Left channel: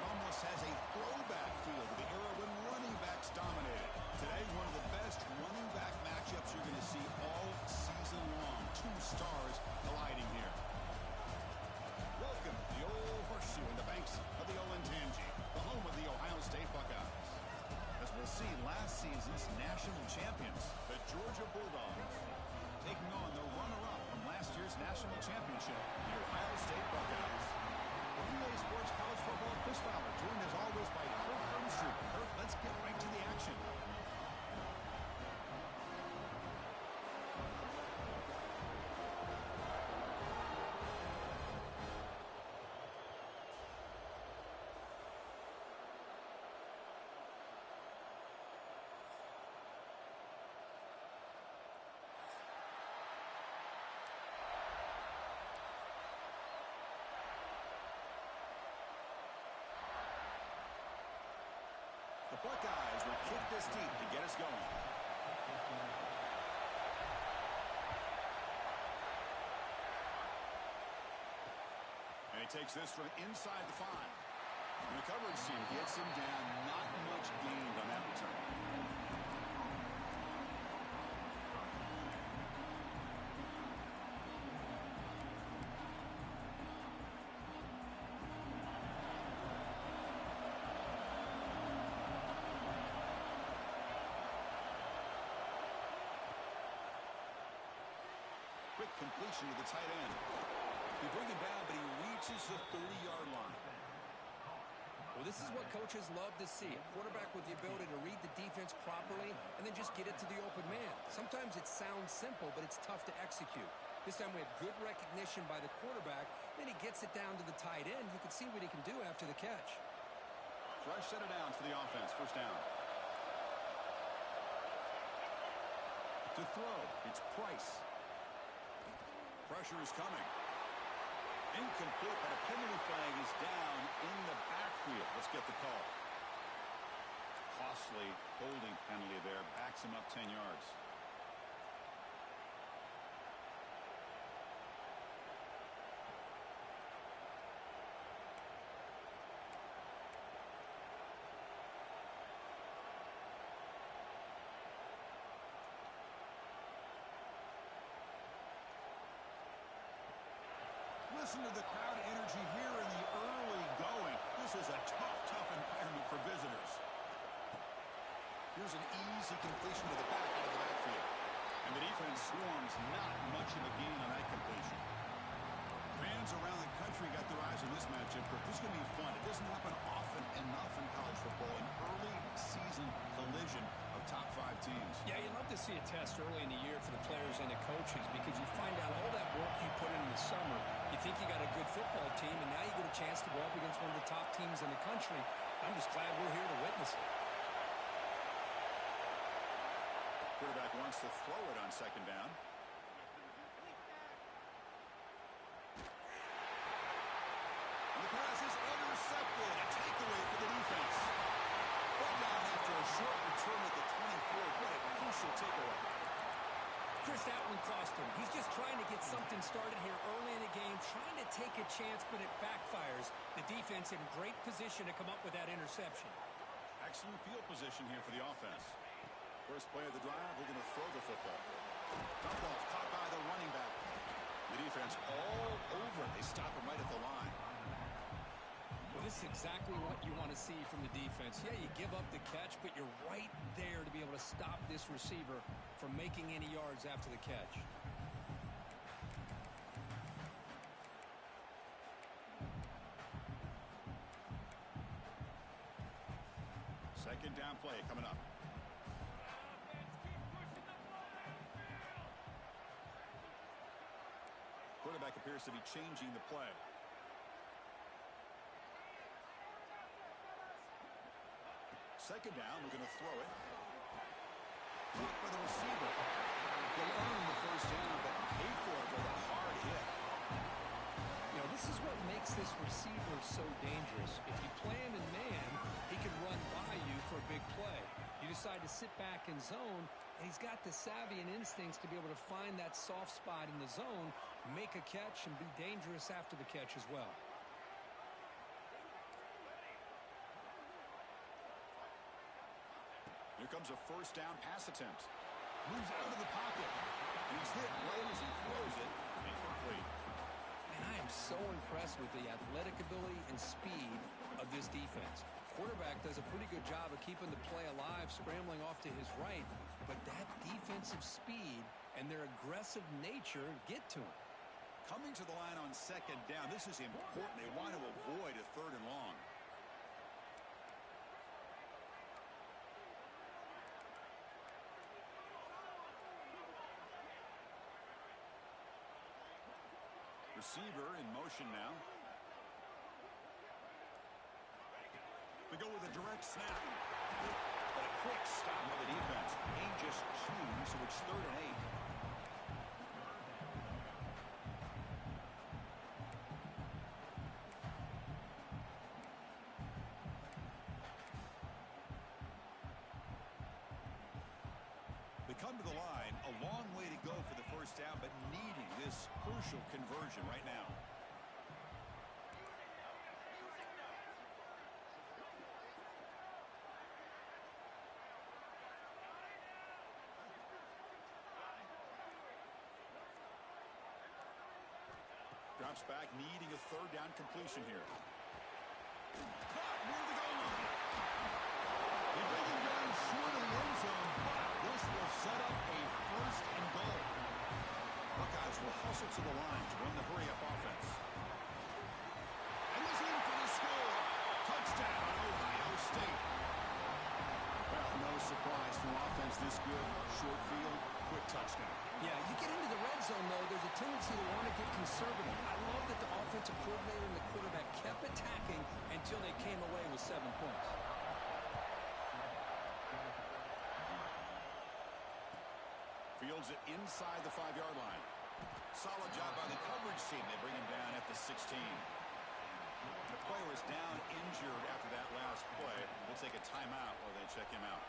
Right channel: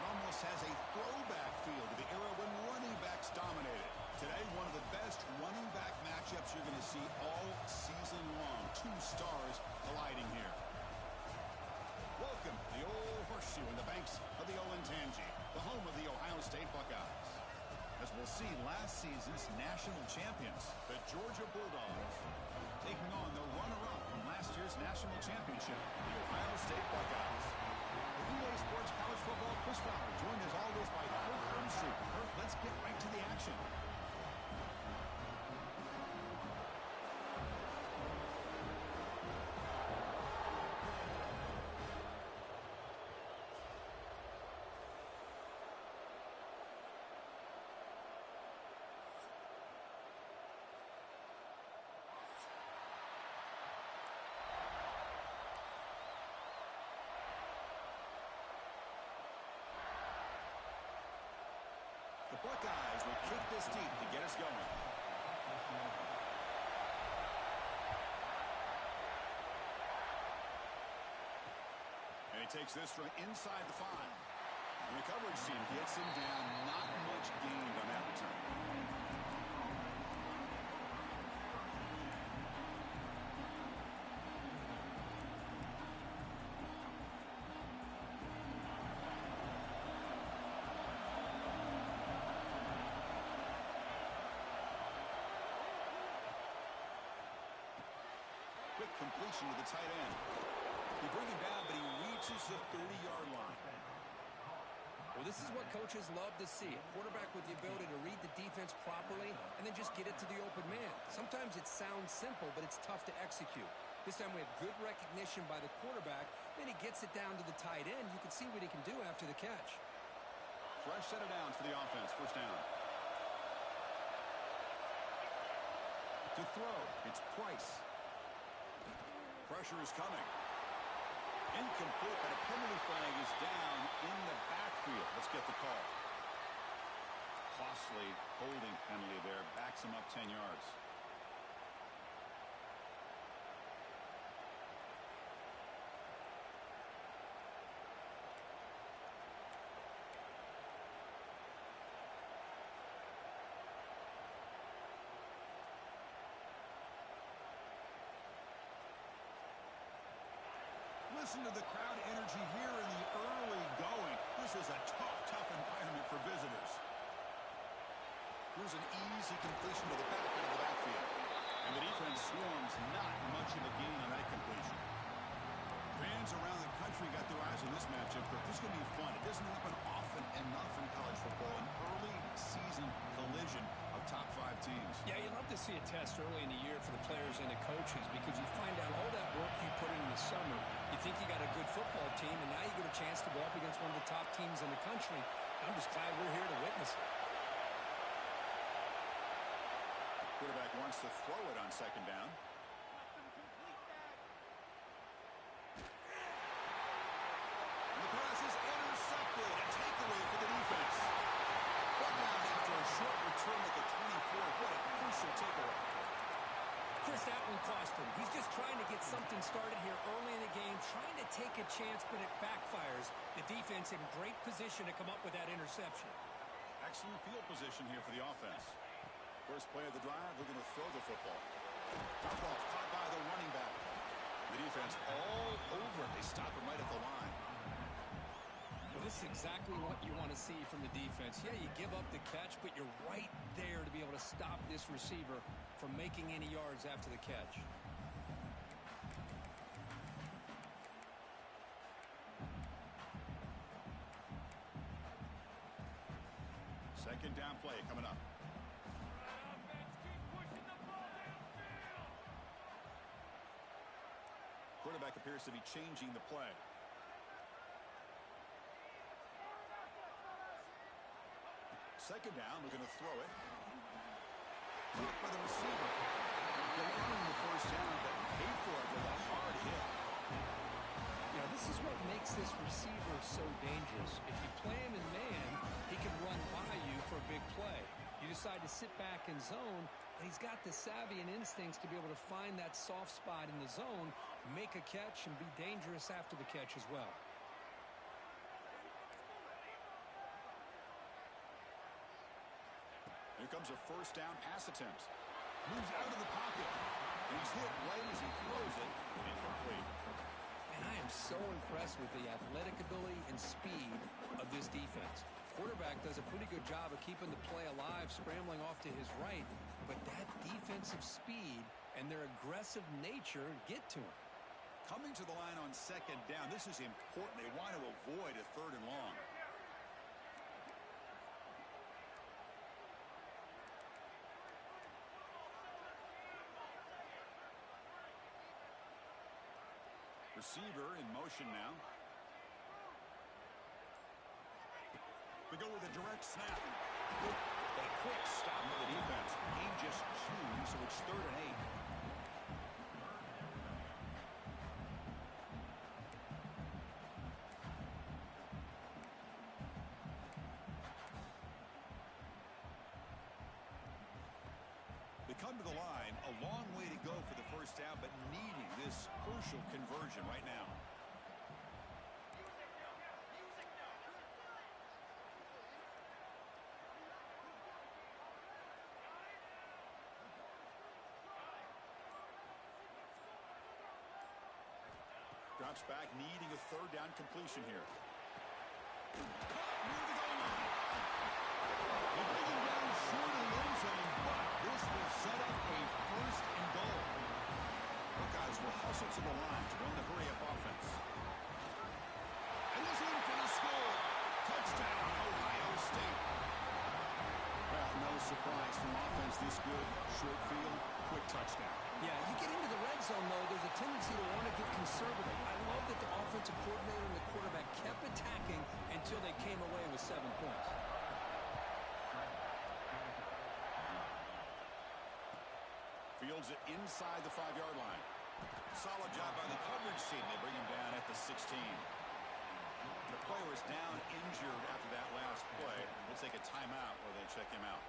It almost has a throwback feel to the era when running backs dominated. Today, one of the best running back matchups you're going to see all season long. Two stars colliding here. Welcome to the Old Horseshoe in the banks of the Olentangy, the home of the Ohio State Buckeyes. As we'll see, last season's national champions, the Georgia Bulldogs, taking on the runner-up from last year's national championship, the Ohio State Buckeyes. With EA Sports College Football, Chris Fowler, joined as always by Kirk Herbstreit. Kirk, let's get right to the action. The Buckeyes will kick this deep to get us going. And he takes this from inside the 5. And the coverage team gets him down. Not much gained on that return. Quick completion to the tight end. You bring him down, but he reaches the 30-yard line. Well, this is what coaches love to see. A quarterback with the ability to read the defense properly and then just get it to the open man. Sometimes it sounds simple, but it's tough to execute. This time we have good recognition by the quarterback. Then he gets it down to the tight end. You can see what he can do after the catch. Fresh set of downs for the offense. First down. To throw, it's Price. Pressure is coming. Incomplete, but a penalty flag is down in the backfield. Let's get the call. Costly holding penalty there. Backs him up 10 yards. Listen to the crowd energy here in the early going. This is a tough environment for visitors. Here's an easy completion to the back end of the backfield. And the defense swarms, not much of a gain on that completion. Fans around the country got their eyes on this matchup. This is going to be fun. It doesn't happen often enough in college football. An early season collision of top 5 teams. Yeah, you love to see a test early in the year for the players and the coaches because you find out all that work you put in the summer. You think you got a good football team, and now you get a chance to go up against one of the top teams in the country. I'm just glad we're here to witness it. Quarterback wants to throw it on second down. And the pass is intercepted. A takeaway for the defense. Brought down after a short return at the 24. What a crucial takeaway. Chris, that one cost him. He's just trying to get something started here early in the game, trying to take a chance, but it backfires. The defense in great position to come up with that interception. Excellent field position here for the offense. First play of the drive, we're going to throw the football. Dump off, caught by the running back. The defense all over it. They stop him right at the line. Well, this is exactly what you want to see from the defense. Yeah, you give up the catch, but you're right there to be able to stop this receiver from making any yards after the catch. Second down play coming up. Quarterback appears to be changing the play. Second down, we're going to throw it. Blocked by the receiver. He'll earn the first down, but paid for it with a hard hit. You know, this is what makes this receiver so dangerous. If you play him in man, he can run by you for a big play. You decide to sit back in zone, and he's got the savvy and instincts to be able to find that soft spot in the zone, make a catch, and be dangerous after the catch as well. comes a first down pass attempt. Moves out of the pocket. And he's hit right as he throws it. Incomplete. And I am so impressed with the athletic ability and speed of this defense. Quarterback does a pretty good job of keeping the play alive, scrambling off to his right. But that defensive speed and their aggressive nature get to him. Coming to the line on second down, this is important. They want to avoid a third and long. Receiver in motion now. They go with a direct snap. But a quick stop of the defense. Gain just 2, so it's 3rd and 8. They come to the line, a long way to go for the first down, but needing this crucial conversion right now. Drops back, needing a third down completion here. Caught near the goal line. They bring him down short of the end zone, but this will set up a first and goal. Buckeyes will hustle to the line to run the hurry-up offense. And he's in for the score. Touchdown, Ohio State. Well, no surprise from offense this good. Short field, quick touchdown. Yeah, you get into the red zone, though, there's a tendency to want to get conservative. I love that the offensive coordinator and the quarterback kept attacking until they came away with 7 points. Fields it inside the 5-yard line. Solid job by the coverage team. They bring him down at the 16. The player is down injured after that last play. We'll take a timeout while they check him out.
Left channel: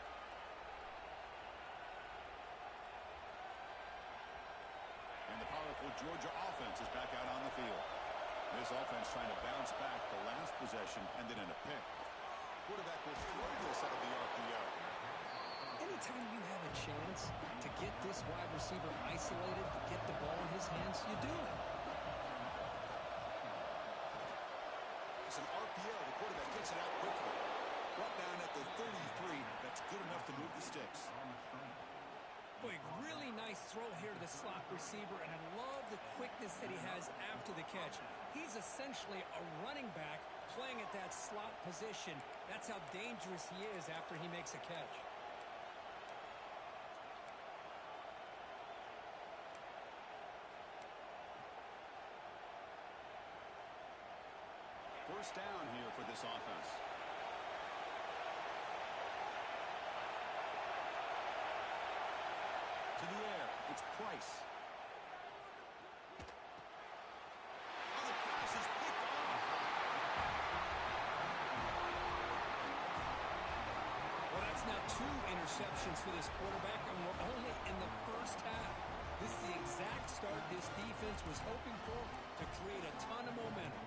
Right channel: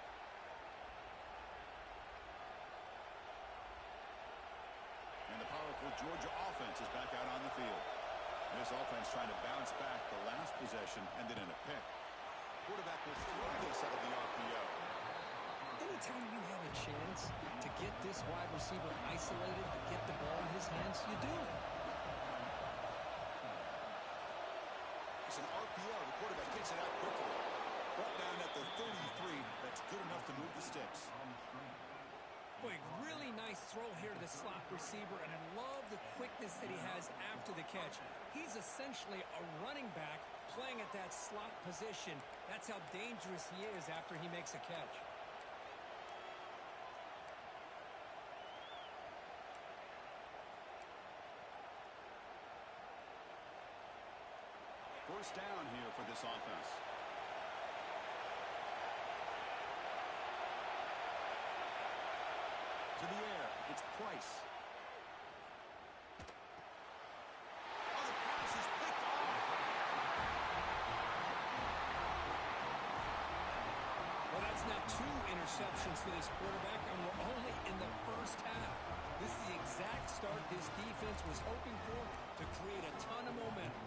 And the powerful Georgia offense is back out on the field. This offense trying to bounce back. The last possession ended in a pick. Quarterback will throw this out of the RPO. Anytime you have a chance to get this wide receiver isolated, to get the ball in his hands, you do it. It's an RPO. The quarterback gets it out quickly. Brought down at the 33. That's good enough to move the sticks. Boy, really nice throw here to the slot receiver, and I love the quickness that he has after the catch. He's essentially a running back playing at that slot position. That's how dangerous he is after he makes a catch. First down here for this offense. To the air, it's Price. Oh, the pass is picked off. Well, that's now 2 interceptions for this quarterback, and we're only in the first half. This is the exact start this defense was hoping for to create a ton of momentum.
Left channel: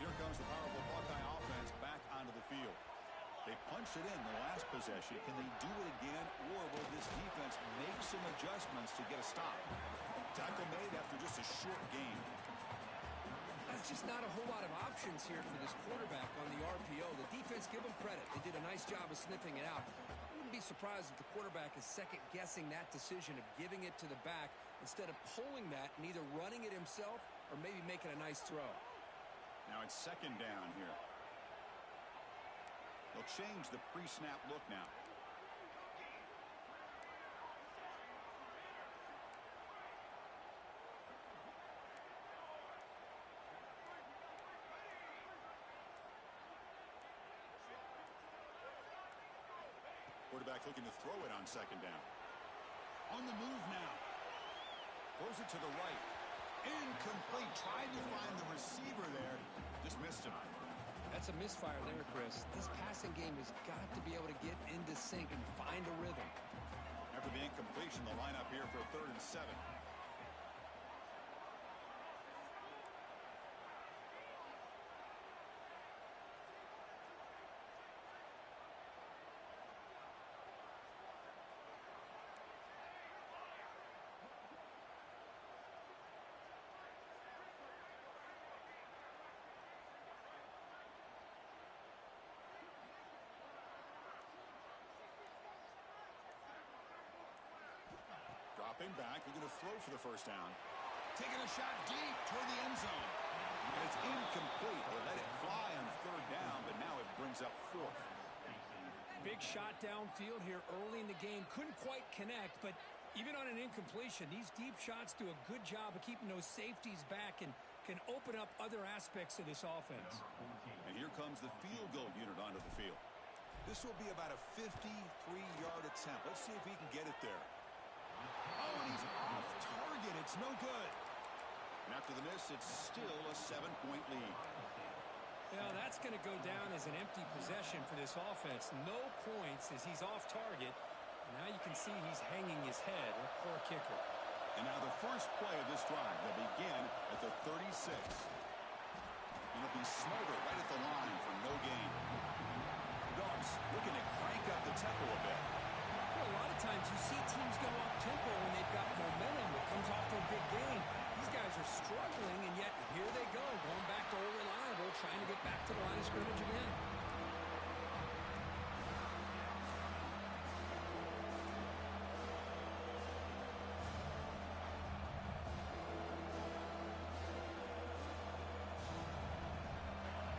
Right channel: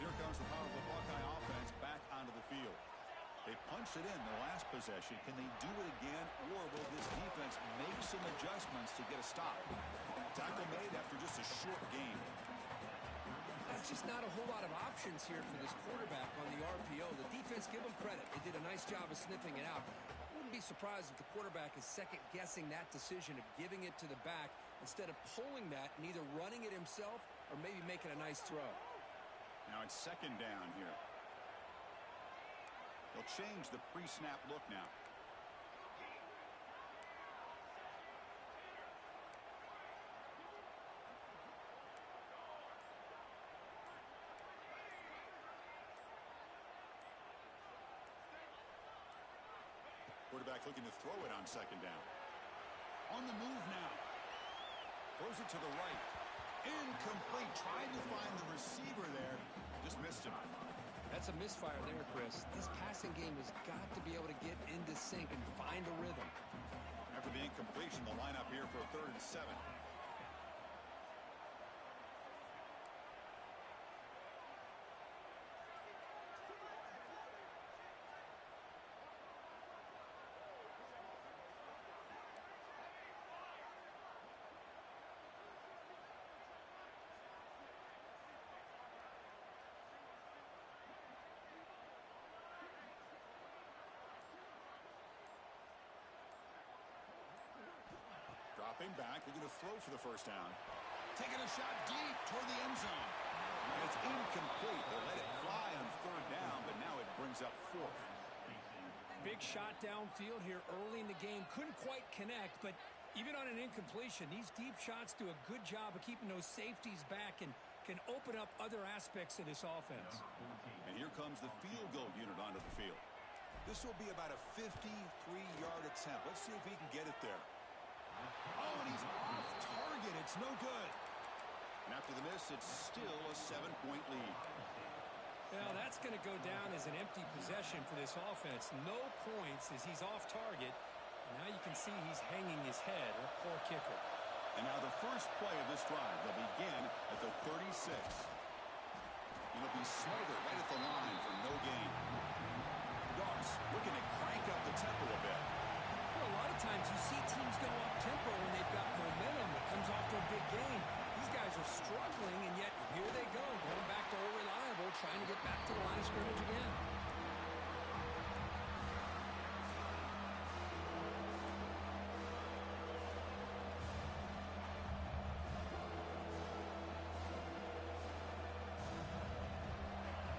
Here comes the powerful Buckeye offense back onto the field. They punched it in the last possession. Can they do it again, or will this defense make some adjustments to get a stop? Tackle made after just a short game. There's just not a whole lot of options here for this quarterback on the RPO. The defense, give them credit. They did a nice job of sniffing it out. I wouldn't be surprised if the quarterback is second-guessing that decision of giving it to the back instead of pulling that and either running it himself or maybe making a nice throw. Now it's second down here. They'll change the pre-snap look now. Quarterback looking to throw it on second down. On the move now. Throws it to the right. Incomplete. Tried to find the receiver there. Just missed him. That's a misfire there, Chris. This passing game has got to be able to get into sync and find a rhythm. After the incompletion, the lineup here for a 3rd and 7. Dropping back, they're going to throw for the first down. Taking a shot deep toward the end zone. And it's incomplete. They let it fly on third down, but now it brings up fourth. Big shot downfield here early in the game. Couldn't quite connect, but even on an incompletion, these deep shots do a good job of keeping those safeties back and can open up other aspects of this offense. And here comes the field goal unit onto the field. This will be about a 53-yard attempt. Let's see if he can get it there. Oh, and he's off target. It's no good. And after the miss, it's still a 7-point lead. Well, that's going to go down as an empty possession for this offense. No points as he's off target. And now you can see he's hanging his head. A poor kicker. And now the first play of this drive, they'll begin at the 36. It'll be smothered right at the line for no gain. Dogs looking to crank up the tempo a bit. Well, a lot of times you see teams go up tempo when they've got momentum that comes off to a big gain. These guys are struggling, and yet here they go, going back to old reliable, trying to get back to the line of scrimmage again.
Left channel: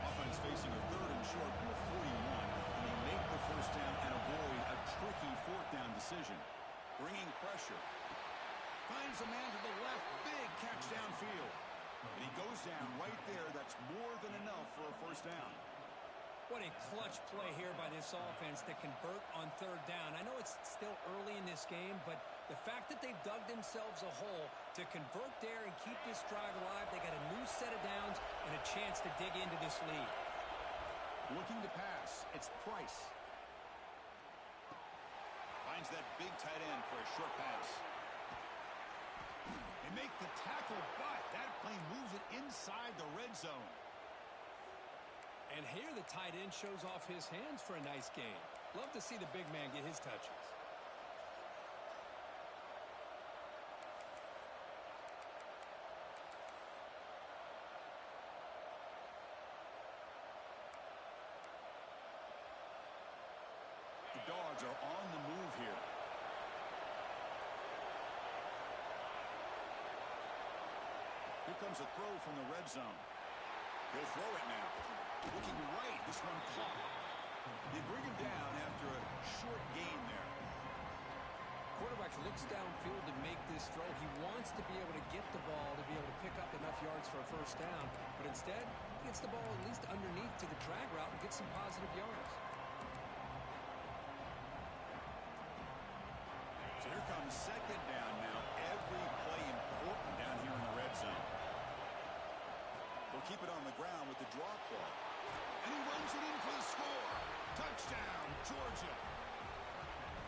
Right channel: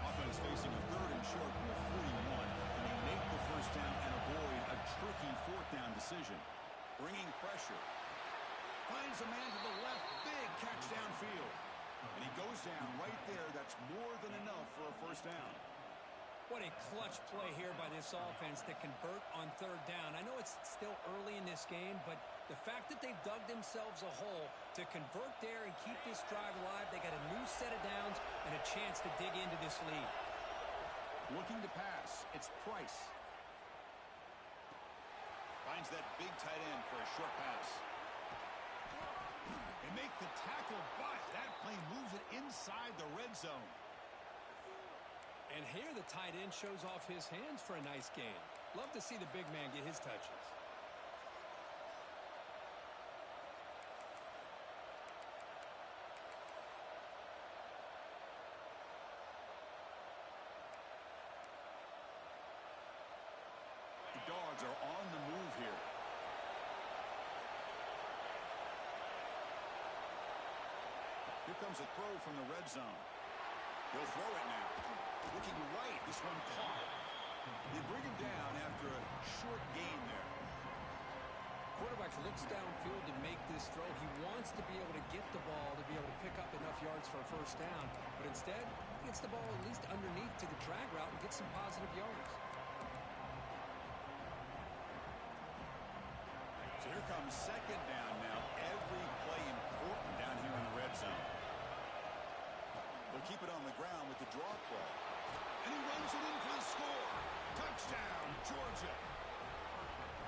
Offense facing a third and short from the 41, and they make the first down and avoid a tricky fourth down decision. Bringing pressure. Finds a man to the left. Big catch downfield. And he goes down right there. That's more than enough for a first down. What a clutch play here by this offense to convert on third down. I know it's still early in this game, but the fact that they've dug themselves a hole to convert there and keep this drive alive, they got a new set of downs and a chance to dig into this lead. Looking to pass. It's Price. Finds that big tight end for a short pass. They make the tackle, but that play moves it inside the red zone. And here the tight end shows off his hands for a nice gain. Love to see the big man get his touches. The Dogs are on the move here. Here comes a throw from the red zone. He'll throw it now. Looking right, this one caught. They bring him down after a short gain there. Quarterback looks downfield to make this throw. He wants to be able to get the ball to be able to pick up enough yards for a first down. But instead, he gets the ball at least underneath to the drag route and gets some positive yards. So here comes second down now. Every play important down here in the red zone. They'll keep it on the ground with the draw play. And he runs it in for the score. Touchdown, Georgia.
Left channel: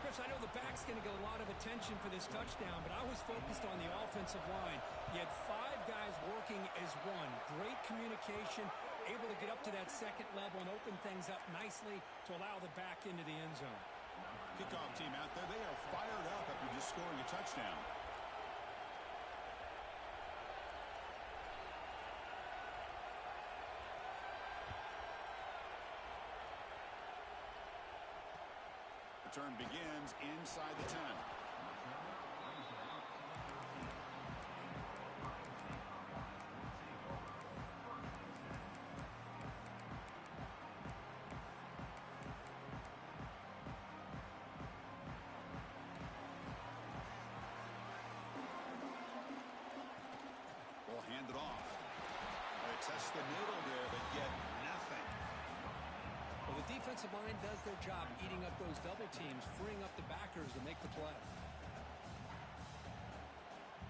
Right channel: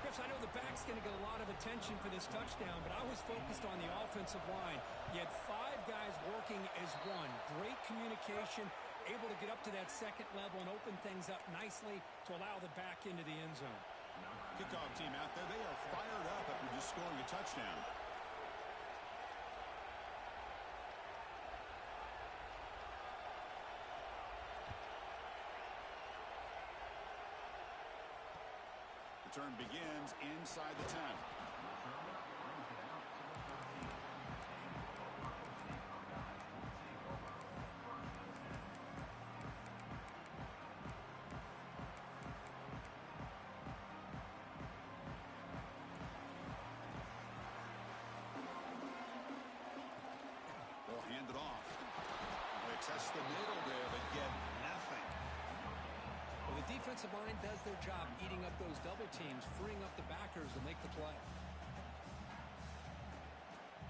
Chris, I know the back's going to get a lot of attention for this touchdown, but I was focused on the offensive line. You had 5 guys working as one. Great communication, able to get up to that second level and open things up nicely to allow the back into the end zone. Kickoff team out there, they are fired up after just scoring a touchdown. Return begins inside the 10. They'll hand it off. They test the middle there, but get nothing. Well, the defensive line does their job eating up those double teams, freeing up the backers to make the play.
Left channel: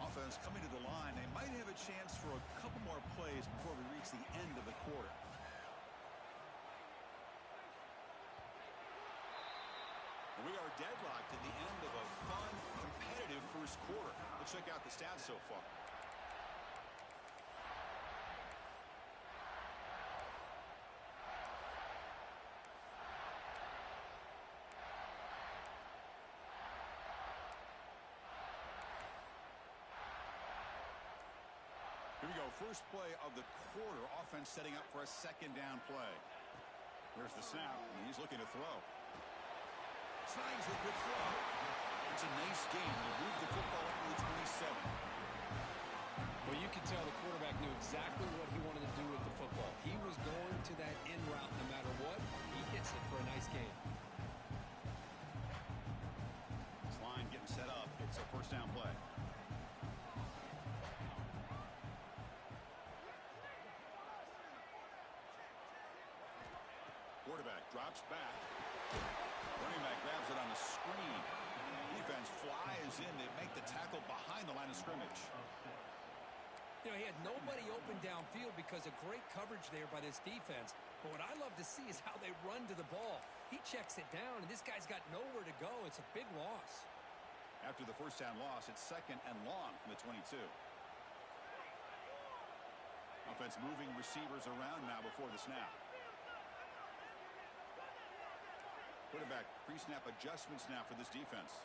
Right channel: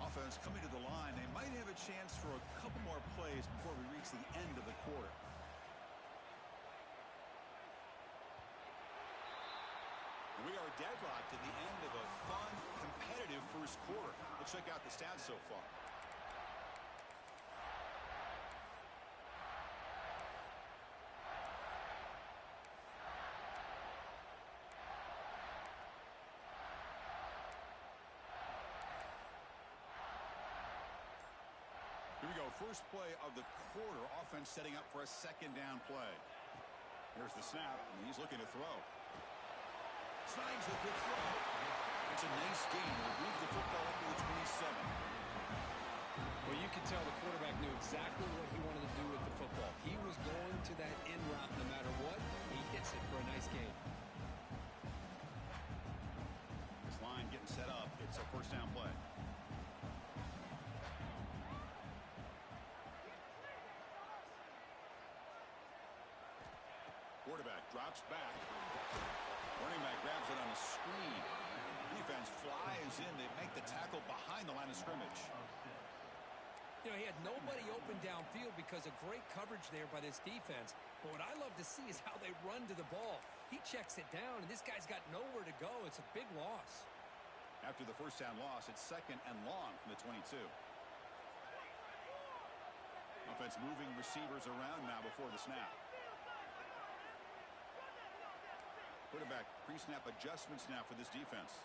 Offense coming to the line. They might have a chance for a couple more plays before we reach the end of the quarter. And we are deadlocked at the end of a fun, competitive first quarter. Let's check out the stats so far. Here we go, first play of the quarter. Offense setting up for a second down play. Here's the snap, and he's looking to throw. Snags a good throw. And It's a nice gain. We'll move the football up to the 27. Well, you could tell the quarterback knew exactly what he wanted to do with the football. He was going to that in route no matter what. He hits it for a nice gain. This line getting set up. It's a first down play. Quarterback drops back. Running back grabs it on the screen. Defense flies in. They make the tackle behind the line of scrimmage. You know, he had nobody open downfield because of great coverage there by this defense. But what I love to see is how they run to the ball. He checks it down, and this guy's got nowhere to go. It's a big loss. After the first down loss, it's second and long from the 22. Offense moving receivers around now before the snap. Quarterback pre-snap adjustments now for this defense.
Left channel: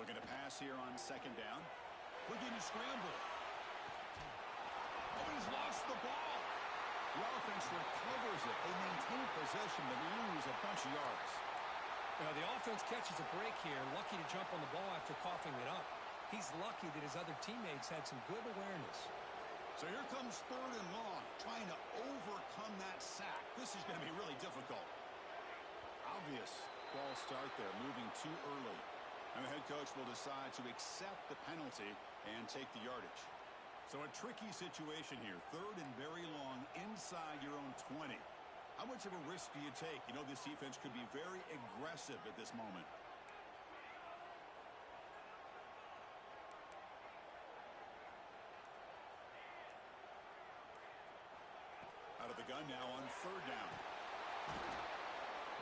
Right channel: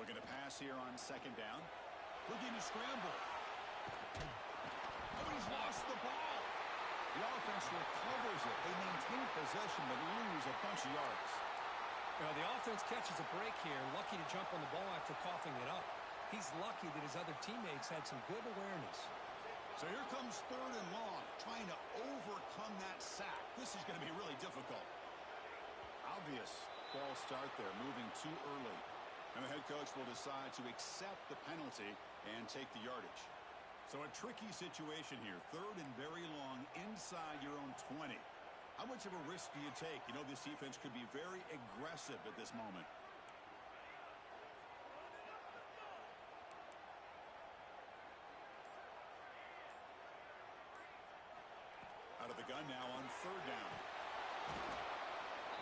Looking to pass here on second down. Looking to scramble. Oh, he's lost the ball. The offense recovers it. They maintain possession but lose a bunch of yards. Well, the offense catches a break here. Lucky to jump on the ball after coughing it up. He's lucky that his other teammates had some good awareness. So here comes third and long, trying to overcome that sack. This is going to be really difficult. Obvious false start there, moving too early. And the head coach will decide to accept the penalty and take the yardage. So a tricky situation here. Third and very long inside your own 20. How much of a risk do you take? You know, this defense could be very aggressive at this moment. Out of the gun now on third down.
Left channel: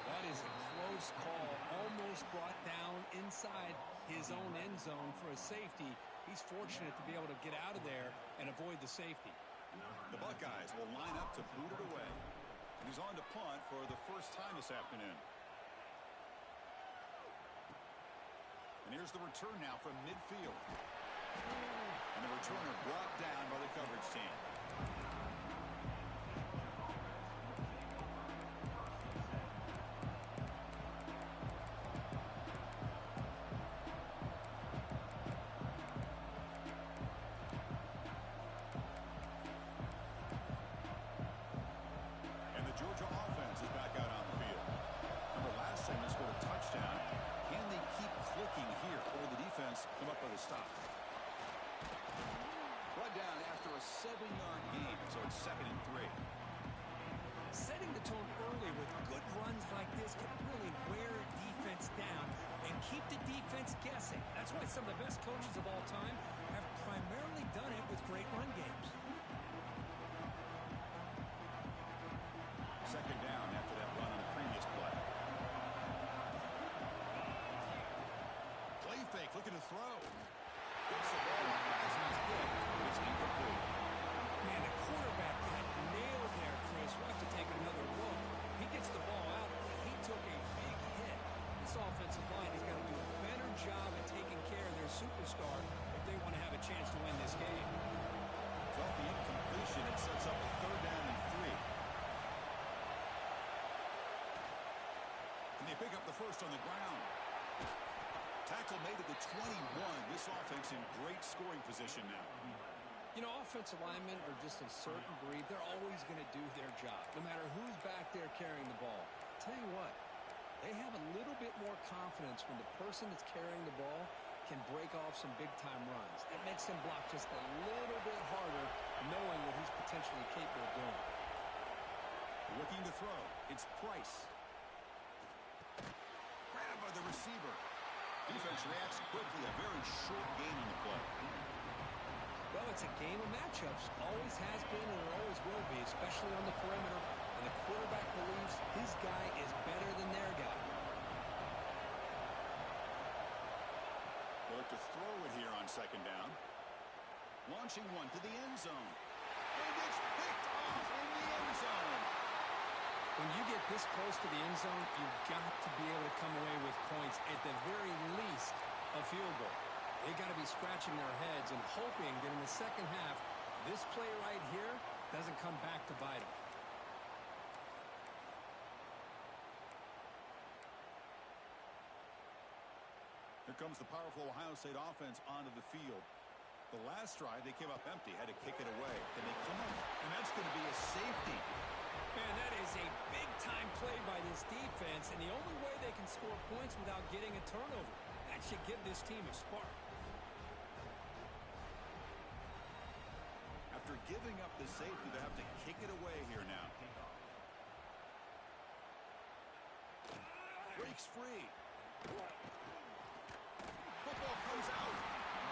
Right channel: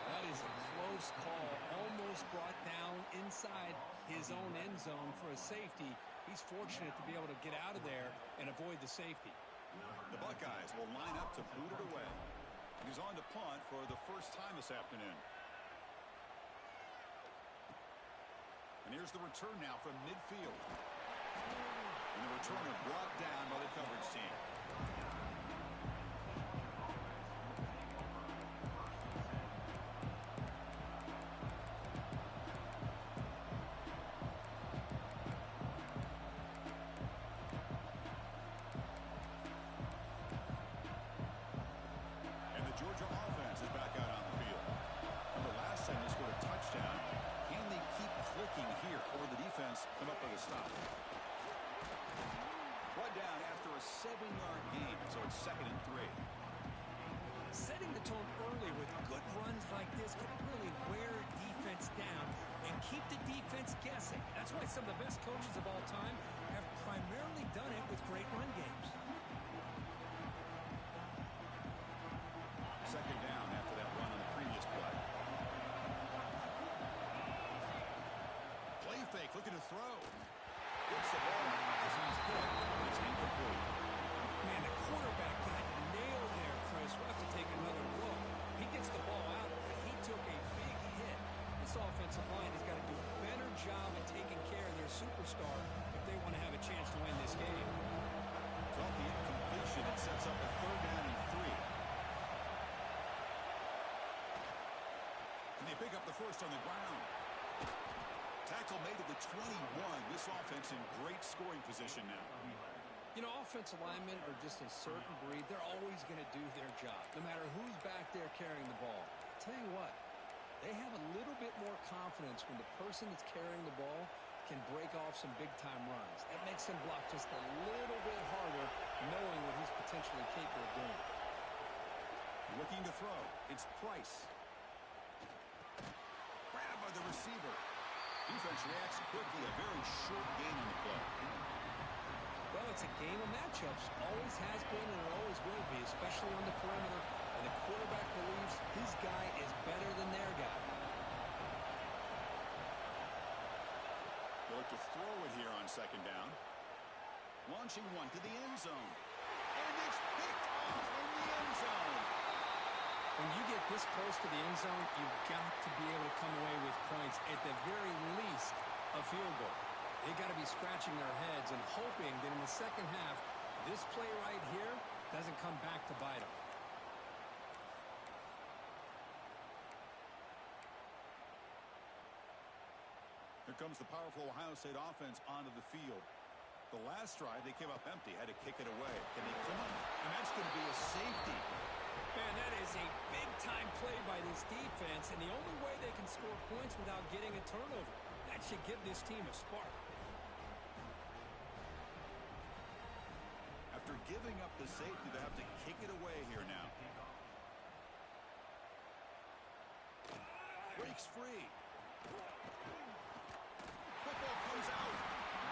Well, that is a close call. Almost brought down inside his own end zone for a safety. He's fortunate to be able to get out of there and avoid the safety. The Buckeyes will line up to boot it away. And he's on to punt for the first time this afternoon. And here's the return now from midfield. And the returner brought down by the coverage team. Georgia offense is back out on the field. Remember, last time they scored a touchdown. Can they keep clicking here, or the defense come up with a stop? Brought down after a 7-yard gain, so it's second and 3. Setting the tone early with good runs like this can really wear a defense down and keep the defense guessing. That's why some of the best coaches of all time have primarily done it with great run games. Second down after that run on the previous play. Play fake, looking to throw. Gets the ball off as he's hit, but it's incomplete. Man, the quarterback got nailed there, Chris. We'll have to take another look. He gets the ball out, but he took a big hit. This offensive line has got to do a better job at taking care of their superstar if they want to have a chance to win this game. So off the incompletion, it sets up a third down and 3. Can they pick up the first on the ground? Tackle made at the 21. This offense in great scoring position now. You know, offensive linemen are just a certain breed. They're always going to do their job, no matter who's back there carrying the ball. I'll tell you what, they have a little bit more confidence when the person that's carrying the ball can break off some big-time runs. That makes him block just a little bit harder, knowing what he's potentially capable of doing. Looking to throw. It's Price. Grabbed by the receiver. Defense reacts quickly. A very short gain on the play. Well, it's a game of matchups. Always has been and it always will be, especially on the perimeter. And the quarterback believes his guy is better than their guy. They look to throw it here on second down. Launching one to the end zone. And it's picked off in the end zone. When you get this close to the end zone, you've got to be able to come away with points, at the very least, a field goal. They got to be scratching their heads and hoping that in the second half, this play right here doesn't come back to bite them. comes the powerful Ohio State offense onto the field. The last drive, they came up empty, had to kick it away. Can they come up? And that's going to be a safety. Man, that is a big-time play by this defense, and the only way they can score points without getting a turnover. That should give this team a spark. After giving up the safety, they have to kick it away here now. Breaks free. Football comes out.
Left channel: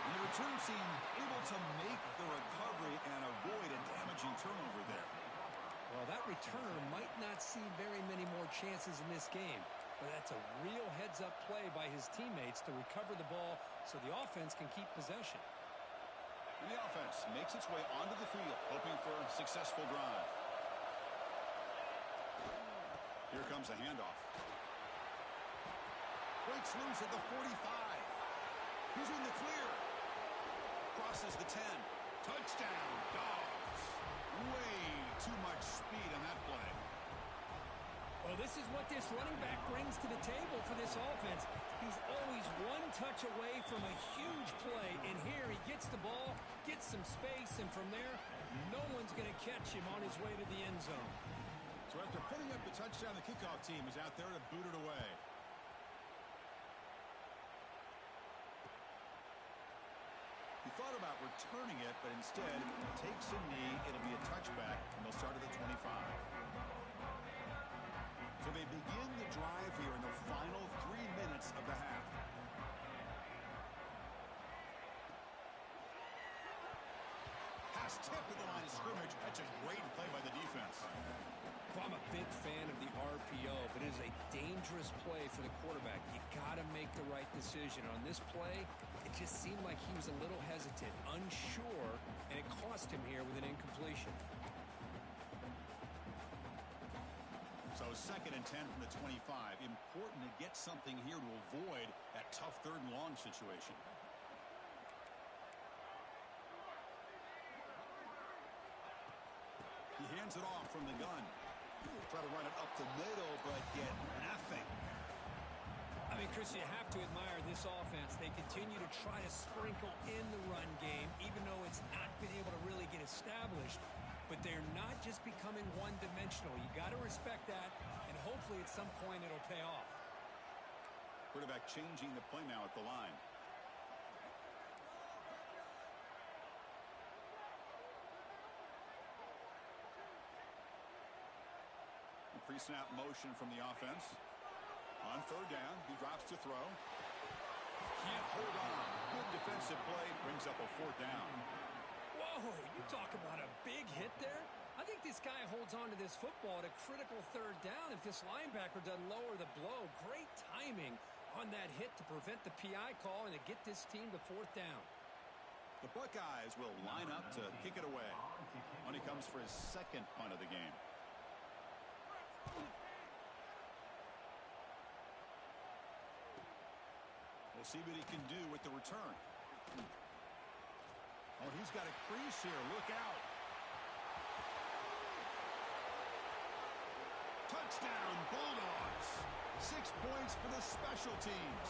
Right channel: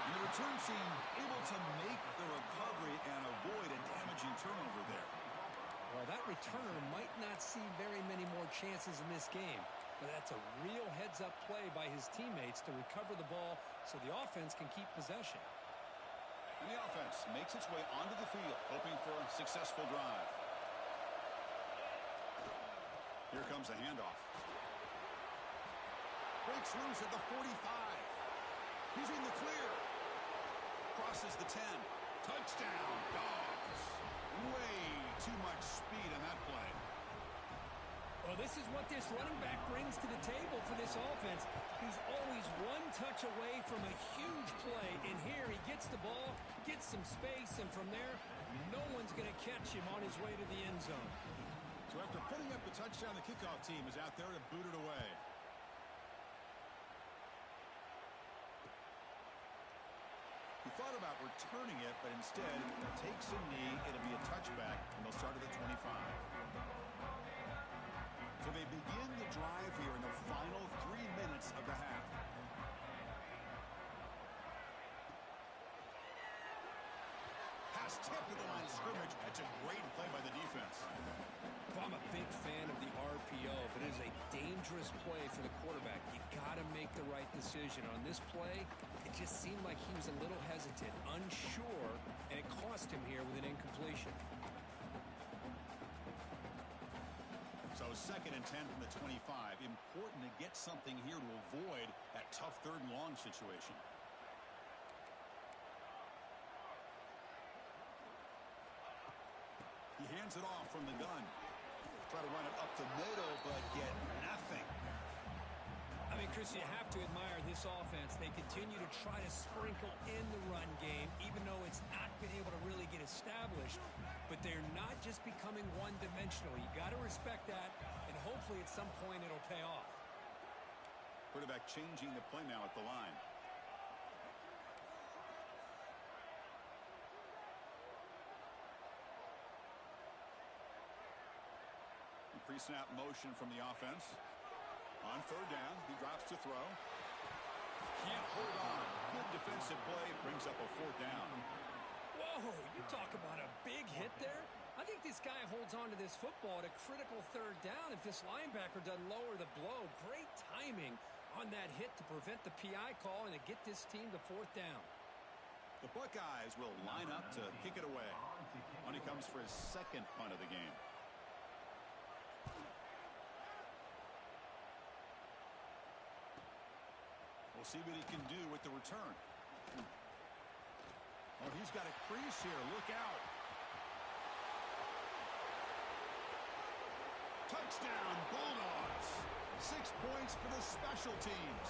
And the return team able to make the recovery and avoid a damaging turnover there. Well, that returner might not see very many more chances in this game, but that's a real heads-up play by his teammates to recover the ball so the offense can keep possession. And the offense makes its way onto the field, hoping for a successful drive. Here comes a handoff. Breaks loose at the 45. He's in the clear. Crosses the 10. Touchdown, Dogs. Way too much speed on that play. Well, this is what this running back brings to the table for this offense. He's always one touch away from a huge play, and here he gets the ball, gets some space, and from there, no one's going to catch him on his way to the end zone. So after putting up the touchdown, the kickoff team is out there to boot it away. He thought about returning it, but instead takes a knee. It'll be a touchback, and they'll start at the 25. So they begin the drive here in the final 3 minutes of the half. Pass tipped to the line of scrimmage. That's a great play by the defense. Well, I'm a big fan of the RPO, but it is a dangerous play for the quarterback. You got to make the right decision. On this play, it just seemed like he was a little hesitant, unsure, and it cost him here with an incompletion. So 2nd and 10 from the 25. Important to get something here to avoid that tough 3rd and long situation. He hands it off from the gun. Try to run it up the middle, but get nothing. I mean, Chris, you have to admire this offense. They continue to try to sprinkle in the run game, even though it's not been able to really get established. But they're not just becoming one-dimensional. You got to respect that, and hopefully at some point it'll pay off. Quarterback changing the play now at the line. Pre-snap motion from the offense. On 3rd down, he drops to throw. Can't hold on. Good defensive play. Brings up a 4th down. Whoa, you talk about a big hit there. I think this guy holds on to this football at a critical 3rd down if this linebacker doesn't lower the blow. Great timing on that hit to prevent the PI call and to get this team to 4th down. The Buckeyes will line up to kick it away. When he comes for his 2nd punt of the game. We'll see what he can do with the return. Oh, he's got a crease here. Look out. Touchdown, Bulldogs. 6 points for the special teams.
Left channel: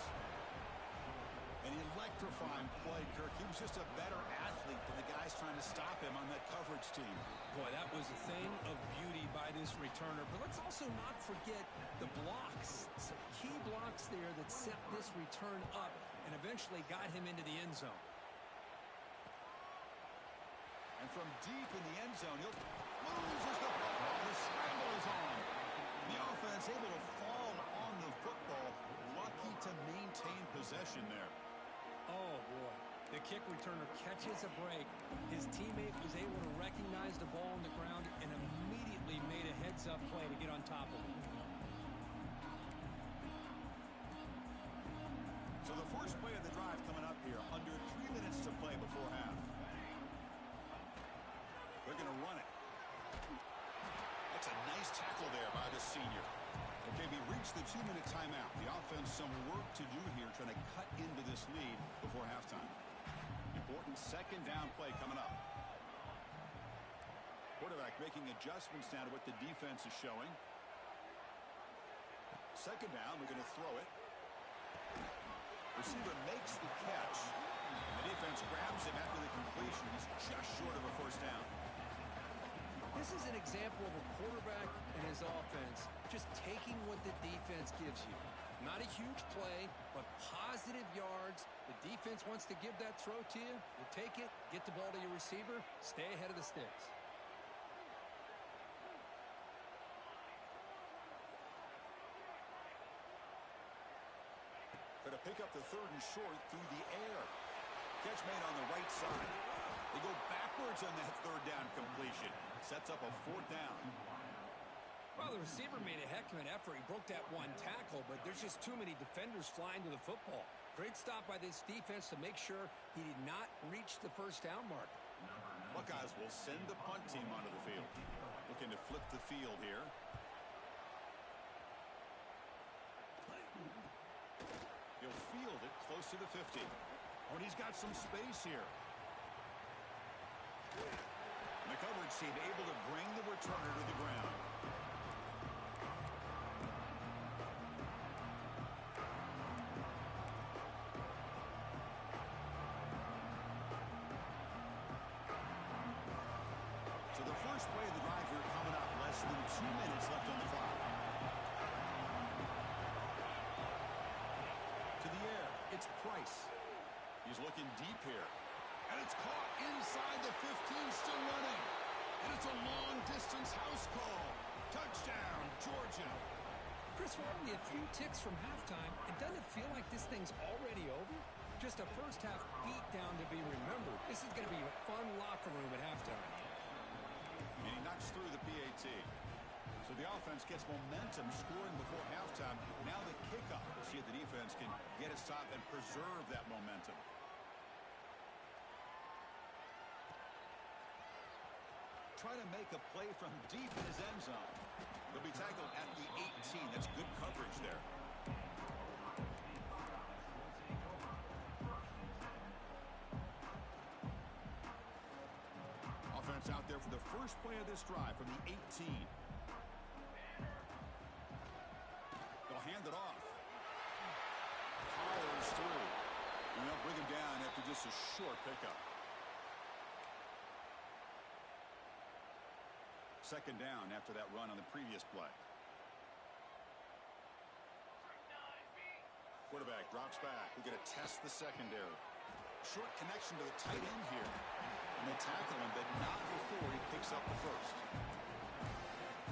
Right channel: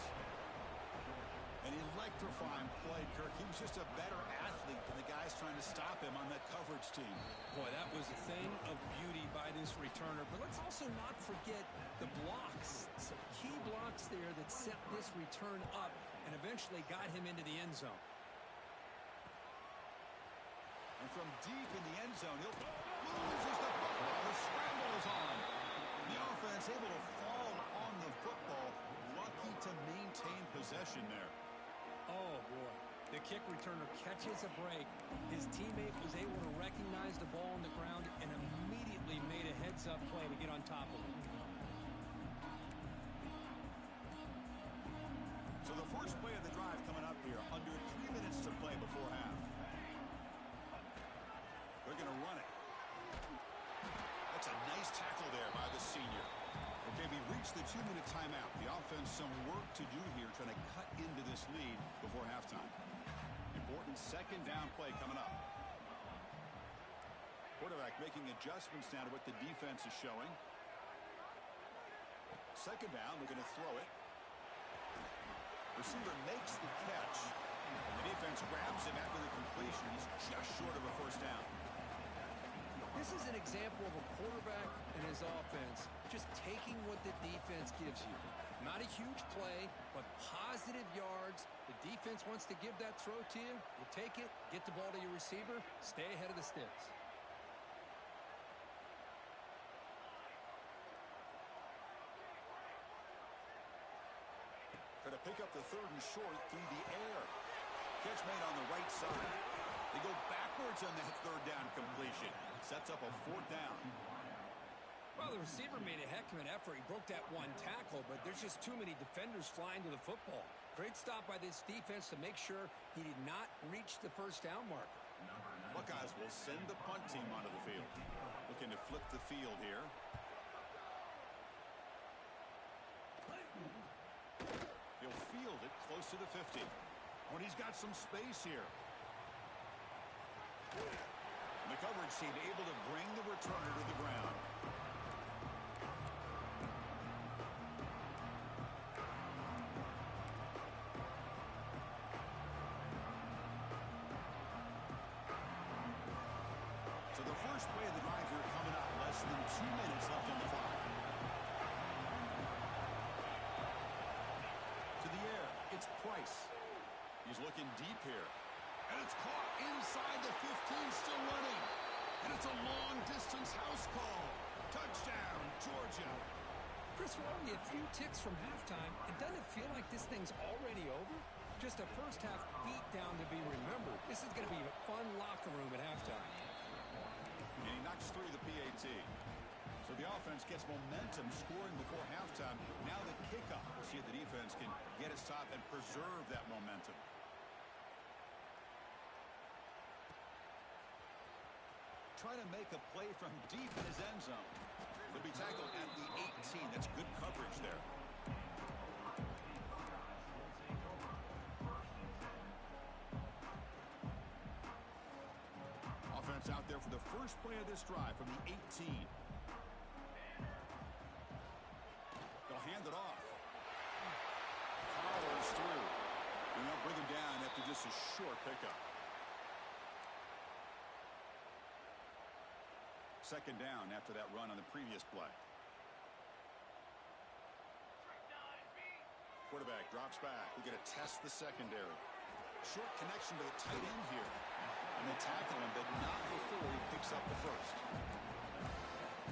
An electrifying play, Kirk. He was just a better athlete than the guys trying to stop him on that coverage team. Boy, that was a thing of beauty by this returner. But let's also not forget the blocks. Some key blocks there that set this return up and eventually got him into the end zone. And from deep in the end zone, he'll loses the football. The scramble is on. The offense able to fall on the football. Lucky to maintain possession there. Oh, boy. The kick returner catches a break. His teammate was able to recognize the ball on the ground and immediately made a heads-up play to get on top of it. So the first play of the drive coming up here. Under 3 minutes to play before half. They're going to run it. That's a nice tackle there by the senior. Okay, we reached the 2-minute timeout. The offense some work to do here trying to cut into this lead before halftime. Important 2nd down play coming up. Quarterback making adjustments now to what the defense is showing. 2nd down, we're going to throw it. Receiver makes the catch. And the defense grabs him after the completion. He's just short of a first down. This is an example of a quarterback and his offense just taking what the defense gives you. Not a huge play, but positive yards. The defense wants to give that throw to you. You take it, get the ball to your receiver, stay ahead of the sticks. Going to pick up the third and short through the air. Catch made on the right side. They go backwards on that third down completion. Sets up a fourth down. Well, the receiver made a heck of an effort. He broke that one tackle, but there's just too many defenders flying to the football. Great stop by this defense to make sure he did not reach the first down marker. Buckeyes will send the punt team onto the field. Looking to flip the field here. He'll field it close to the 50. Oh, and he's got some space here. And the coverage team able to bring the returner to the ground. So the first play of the drive here coming up. Less than 2 minutes left on the clock. To the air, it's Price. He's looking deep here. And it's caught inside the 15, still running. And it's a long-distance house call. Touchdown, Georgia. Chris, we're only a few ticks from halftime. And doesn't it feel like this thing's already over? Just a first-half beatdown to be remembered. This is going to be a fun locker room at halftime. And he knocks through the PAT. So the offense gets momentum scoring before halftime. Now the kickoff. We'll see if the defense can get a stop and preserve that momentum. Trying to make a play from deep in his end zone. He'll be tackled at the 18. That's good coverage there. Offense out there for the first play of this drive from the 18. They'll hand it off. Powers through. And they'll bring him down after just a short pickup. Second down after that run on the previous play. Quarterback drops back. We're going to test the secondary. Short connection to the tight end here. And they tackle him, but not before he picks up the first.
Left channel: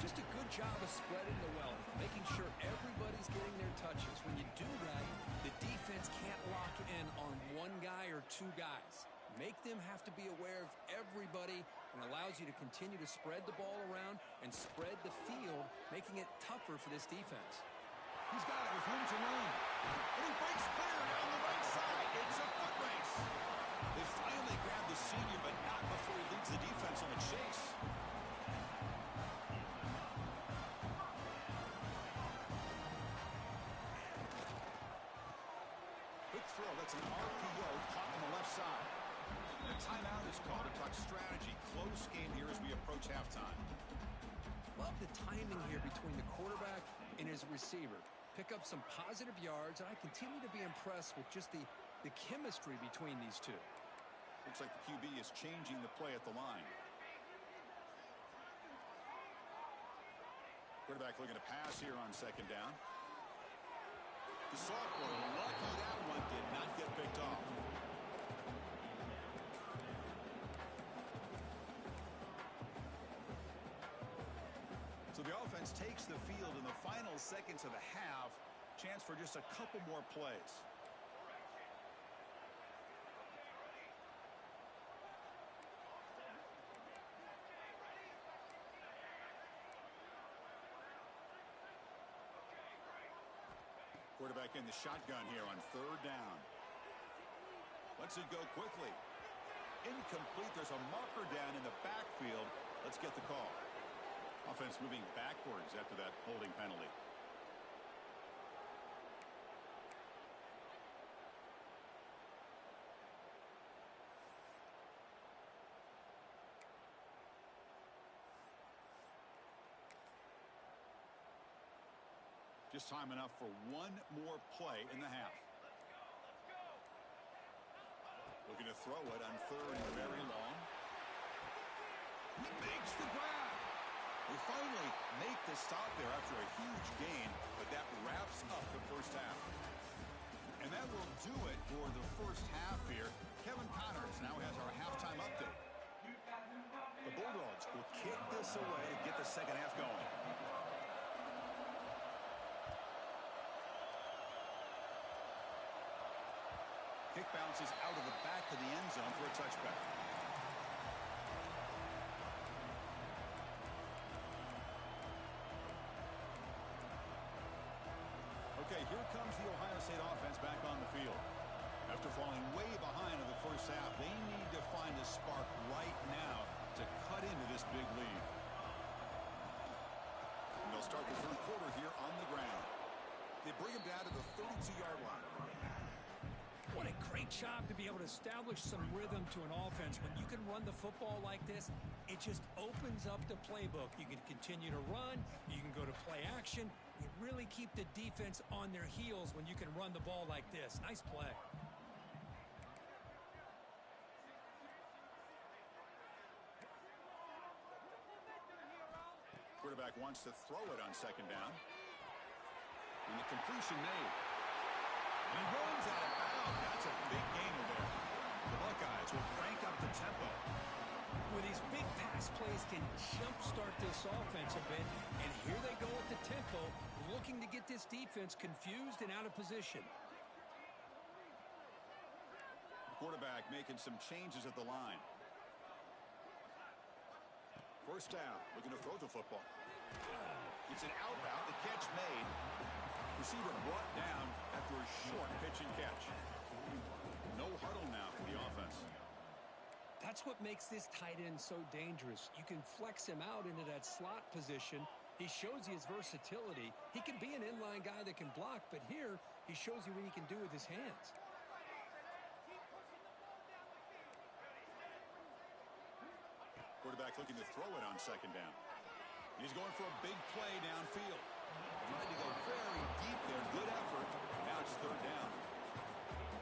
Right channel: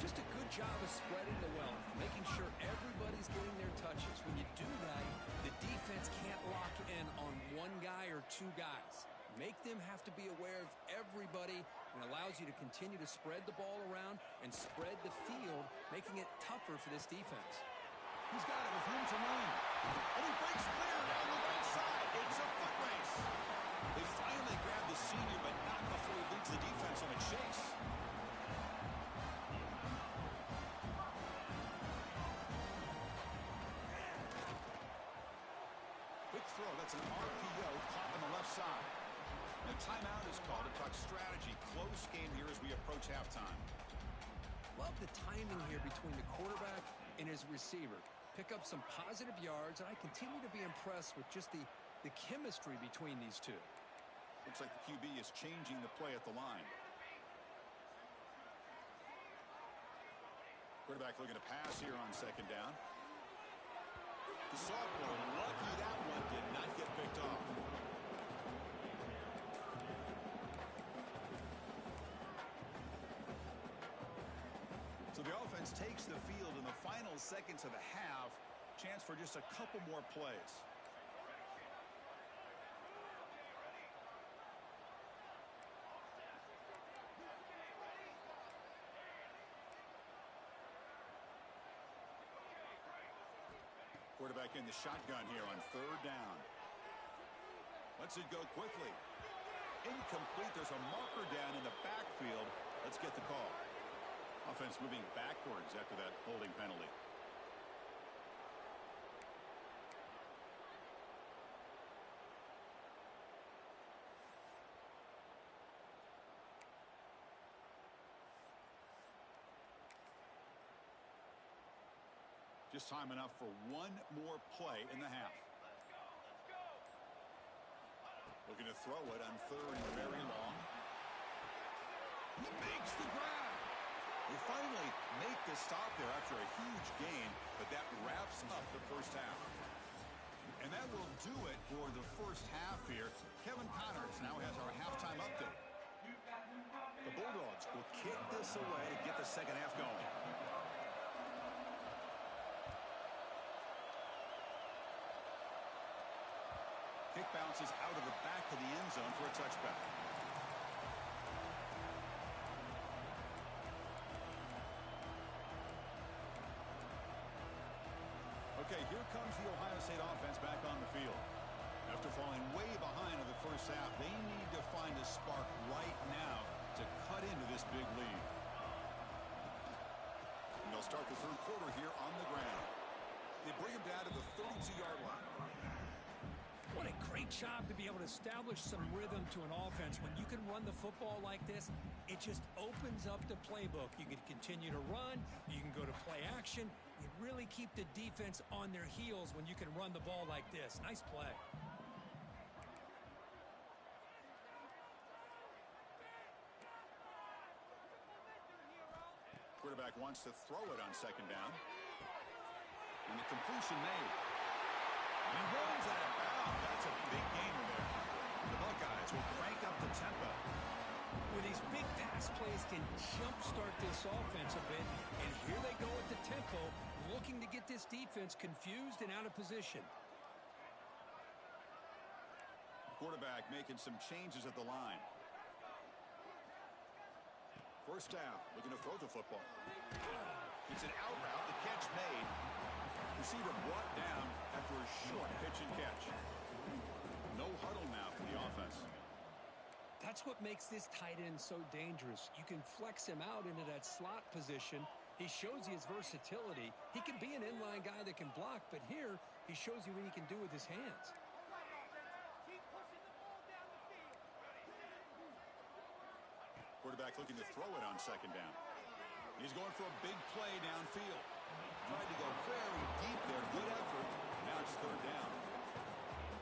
Just a good job of spreading the wealth, making sure everybody's getting their touches. When you do that, the defense can't lock in on one guy or two guys. Make them have to be aware of everybody, and allows you to continue to spread the ball around and spread the field, making it tougher for this defense. He's got it with room to run. And he breaks clear down the right side. It's a foot race. They finally grab the senior, but not before he leads the defense on a chase. Quick throw. That's an RPO caught on the left side. And a timeout is called to talk strategy. Close game here as we approach halftime. Love the timing here between the quarterback and his receiver. Pick up some positive yards, and I continue to be impressed with just the chemistry between these two. Looks like the QB is changing the play at the line. Quarterback looking to pass here on second down. The sophomore, lucky that one did not get picked off. So the offense takes the field in the final seconds of the half. Chance for just a couple more plays. Quarterback in the shotgun here on third down. Lets it go quickly. Incomplete. There's a marker down in the backfield. Let's get the call. Offense moving backwards after that holding penalty. Just time enough for one more play in the half. Looking to throw it on third and very long. He makes the grab. They finally make the stop there after a huge gain, but that wraps up the first half. And that will do it for the first half here. Kevin Connors now has our halftime update. The Bulldogs will kick this away to get the second half going. Kick bounces out of the back of the end zone for a touchback. Okay, here comes the Ohio State offense back on the field. After falling way behind in the first half, they need to find a spark right now to cut into this big lead. And they'll start the third quarter here on the ground. They bring him down to the 32-yard line. What a great job to be able to establish some rhythm to an offense. When you can run the football like this, it just opens up the playbook. You can continue to run. You can go to play action. You really keep the defense on their heels when you can run the ball like this. Nice play. Quarterback wants to throw it on second down. And the completion made. And he runs out of bounds. That's a big gainer there. The Buckeyes will crank up the tempo. With these big pass plays can jumpstart this offense a bit. And here they go at the tempo, looking to get this defense confused and out of position. The quarterback making some changes at the line. First down, looking to throw the football. It's an out route, the catch made. Receiver brought down after a short pitch and catch. No huddle now for the offense. That's what makes this tight end so dangerous. You can flex him out into that slot position. He shows you his versatility. He can be an inline guy that can block, but here he shows you what he can do with his hands. Quarterback looking to throw it on second down. He's going for a big play downfield. Tried to go very deep there. Good effort. Now it's third down.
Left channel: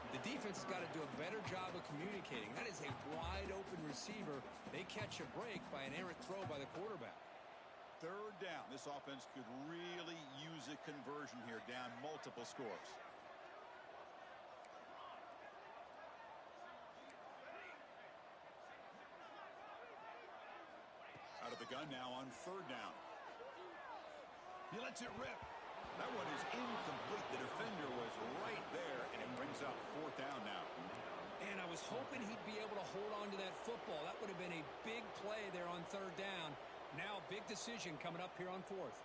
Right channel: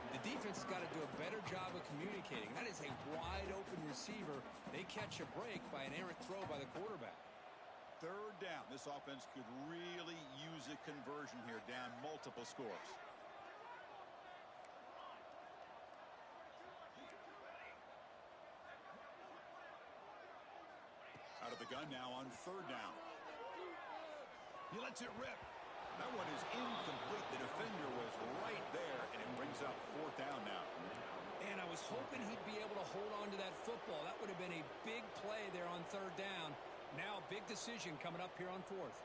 The defense has got to do a better job of communicating. That is a wide open receiver. They catch a break by an errant throw by the quarterback. Third down. This offense could really use a conversion here, down multiple scores. Out of the gun now on third down. He lets it rip. That one is incomplete. The defender was right there, and it brings up fourth down now. And I was hoping he'd be able to hold on to that football. That would have been a big play there on third down. Now a big decision coming up here on fourth.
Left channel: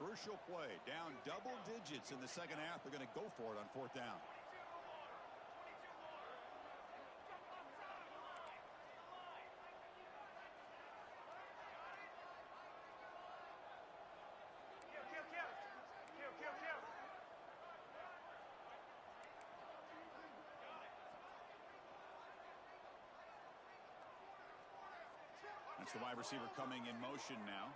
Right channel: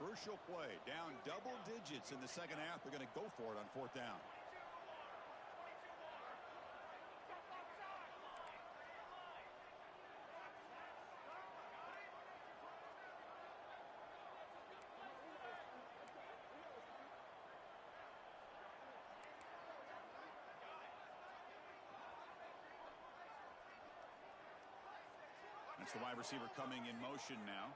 Crucial play. Down double digits in the second half. They're going to go for it on fourth down. That's the wide receiver coming in motion now.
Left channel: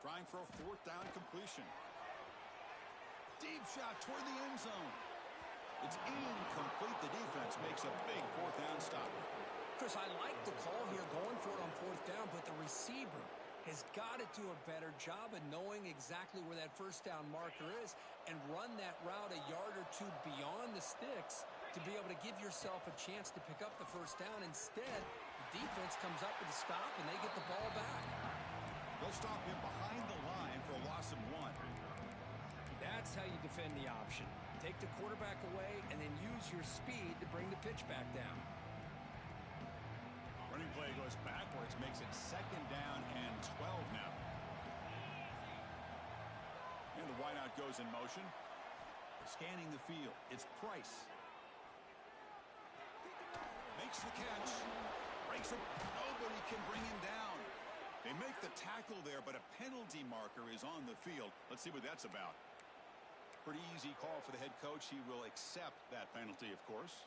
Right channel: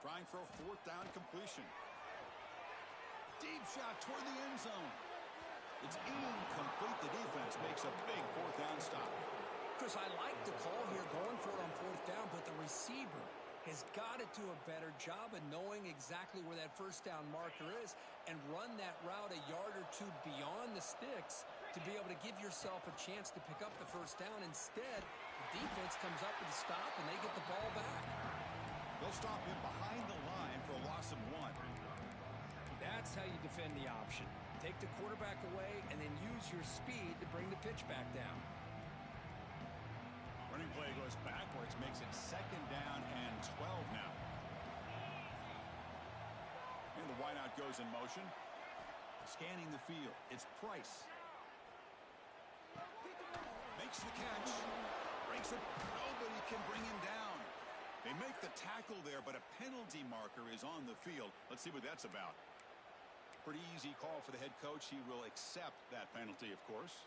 Trying for a fourth down completion. Deep shot toward the end zone. It's incomplete. The defense makes a big fourth down stop. Chris, I like the call here going for it on fourth down, but the receiver has got to do a better job of knowing exactly where that first down marker is and run that route a yard or two beyond the sticks to be able to give yourself a chance to pick up the first down. Instead, the defense comes up with a stop, and they get the ball back. They'll stop him behind the line for a loss of one. That's how you defend the option. Take the quarterback away and then use your speed to bring the pitch back down. Running play goes backwards, makes it second down and 12 now. And the wideout goes in motion. Scanning the field, it's Price. Makes the catch. Breaks it. Nobody can bring him down. They make the tackle there, but a penalty marker is on the field. Let's see what that's about. Pretty easy call for the head coach. He will accept that penalty, of course.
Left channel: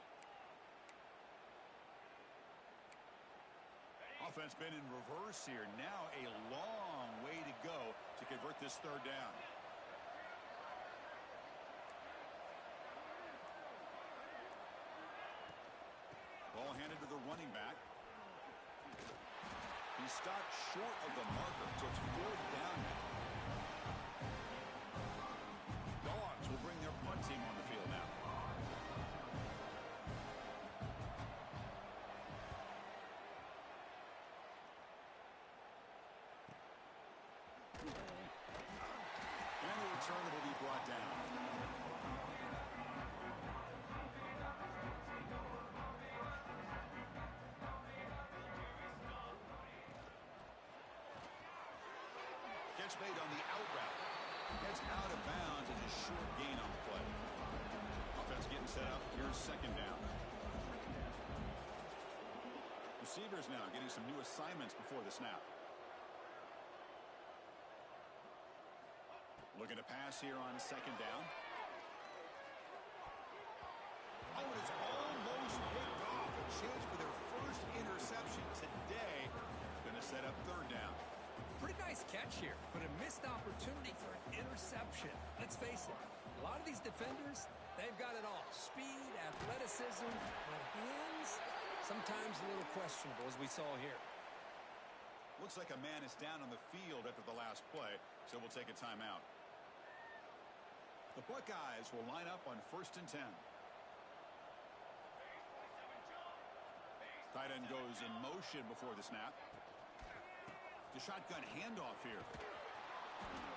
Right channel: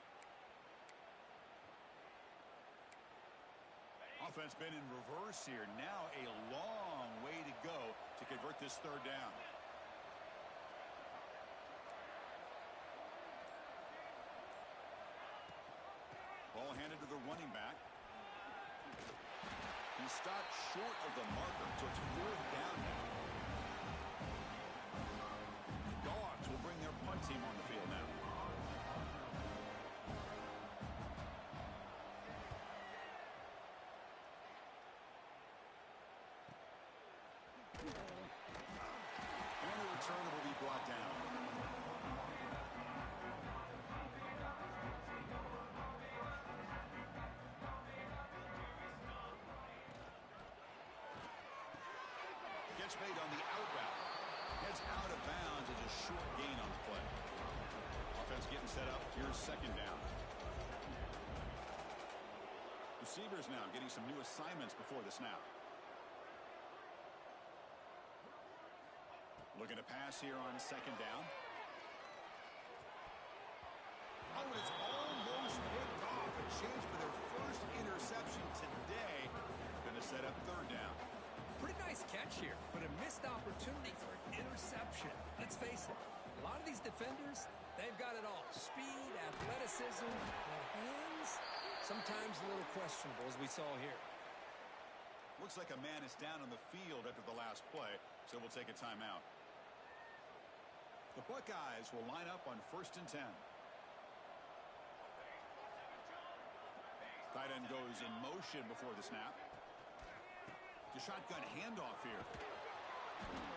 Offense been in reverse here. Now a long way to go to convert this third down. Ball handed to the running back. He stopped short of the marker, so it's 4th down now. Dogs will bring their punt team on the field now. And the return will be brought down. Catch made on the out route. Gets out of bounds as a short gain on the play. Offense getting set up. Here's 2nd down. Receivers now getting some new assignments before the snap. Looking to pass here on 2nd down. Oh, and it's almost picked off. A chance for their first interception today. Going to set up 3rd down. Pretty nice catch here, but a missed opportunity for an interception. Let's face it, a lot of these defenders, they've got it all. Speed, athleticism, but hands, sometimes a little questionable, as we saw here. Looks like a man is down on the field after the last play, so we'll take a timeout. The Buckeyes will line up on 1st and 10. Tight end goes in motion before the snap. The shotgun handoff here.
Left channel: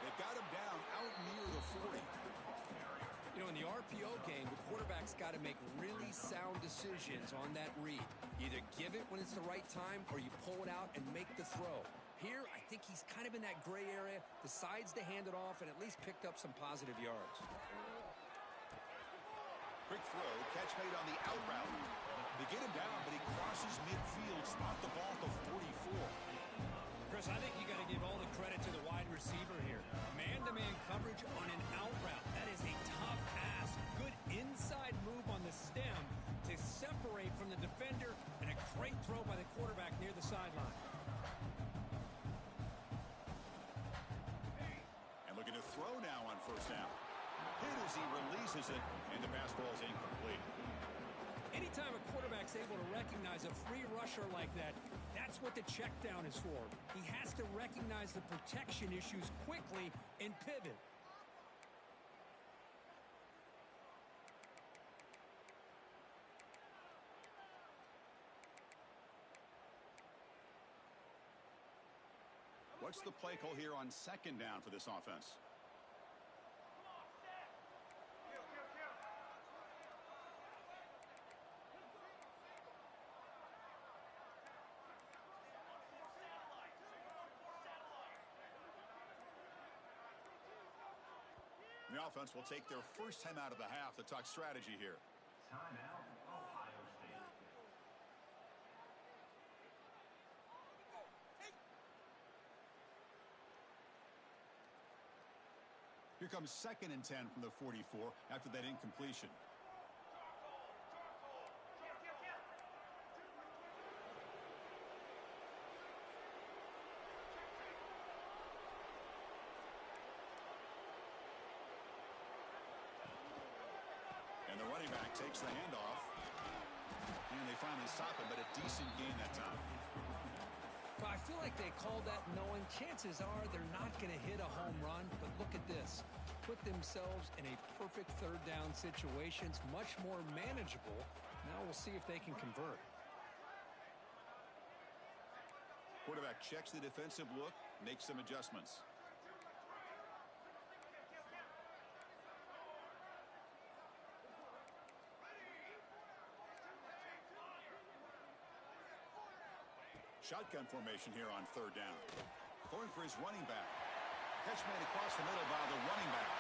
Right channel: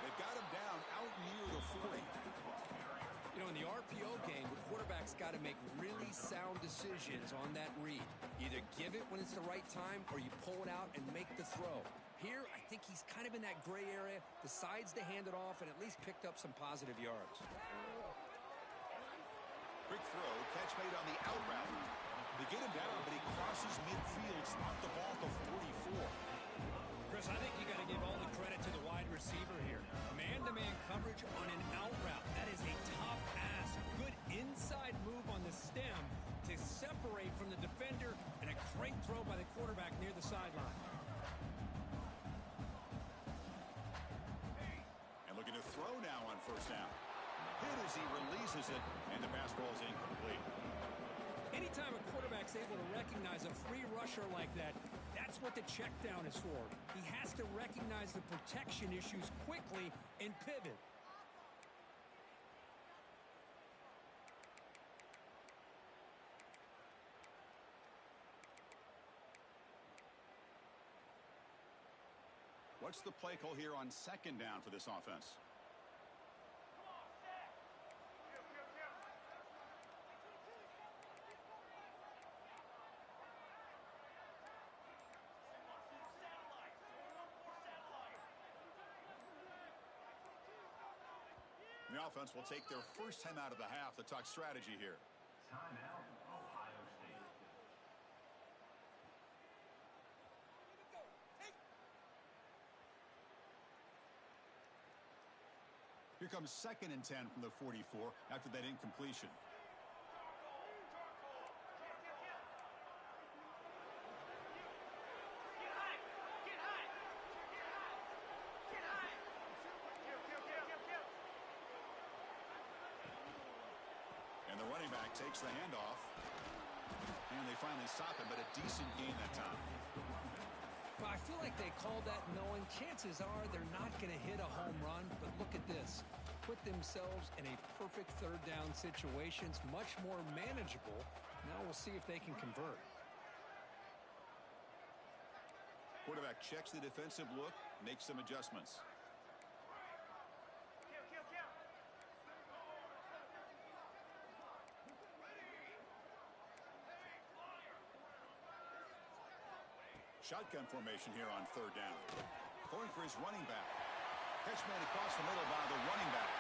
They've got him down out near the 40. You know, in the RPO game, the quarterback's got to make really sound decisions on that read. Either give it when it's the right time or you pull it out and make the throw. Here, I think he's kind of in that gray area, decides to hand it off and at least picked up some positive yards. Quick throw, catch made on the out route. They get him down, but he crosses midfield, spot the ball to 44. Chris, I think you got to give all the credit to the wide receiver here. Man-to-man coverage on an out route. That is a tough ask. Good inside move on the stem to separate from the defender, and a great throw by the quarterback near the sideline. And looking to throw now on 1st down. Hit as he releases it, and the pass ball is incomplete. Anytime a quarterback's able to recognize a free rusher like that, that's what the check down is for. He has to recognize the protection issues quickly and pivot. What's the play call here on 2nd down for this offense? The offense will take their first time out of the half to talk strategy here. Timeout, Ohio State. Here comes 2nd and 10 from the 44 after that incompletion. And the running back takes the handoff. And they finally stop him, but a decent gain that time. Well, I feel like they called that knowing chances are they're not going to hit a home run, but look at this. Put themselves in a perfect 3rd down situation. It's much more manageable. Now we'll see if they can convert. Quarterback checks the defensive look, makes some adjustments. Shotgun formation here on 3rd down. Throwing for his running back. Catch made across the middle by the running back.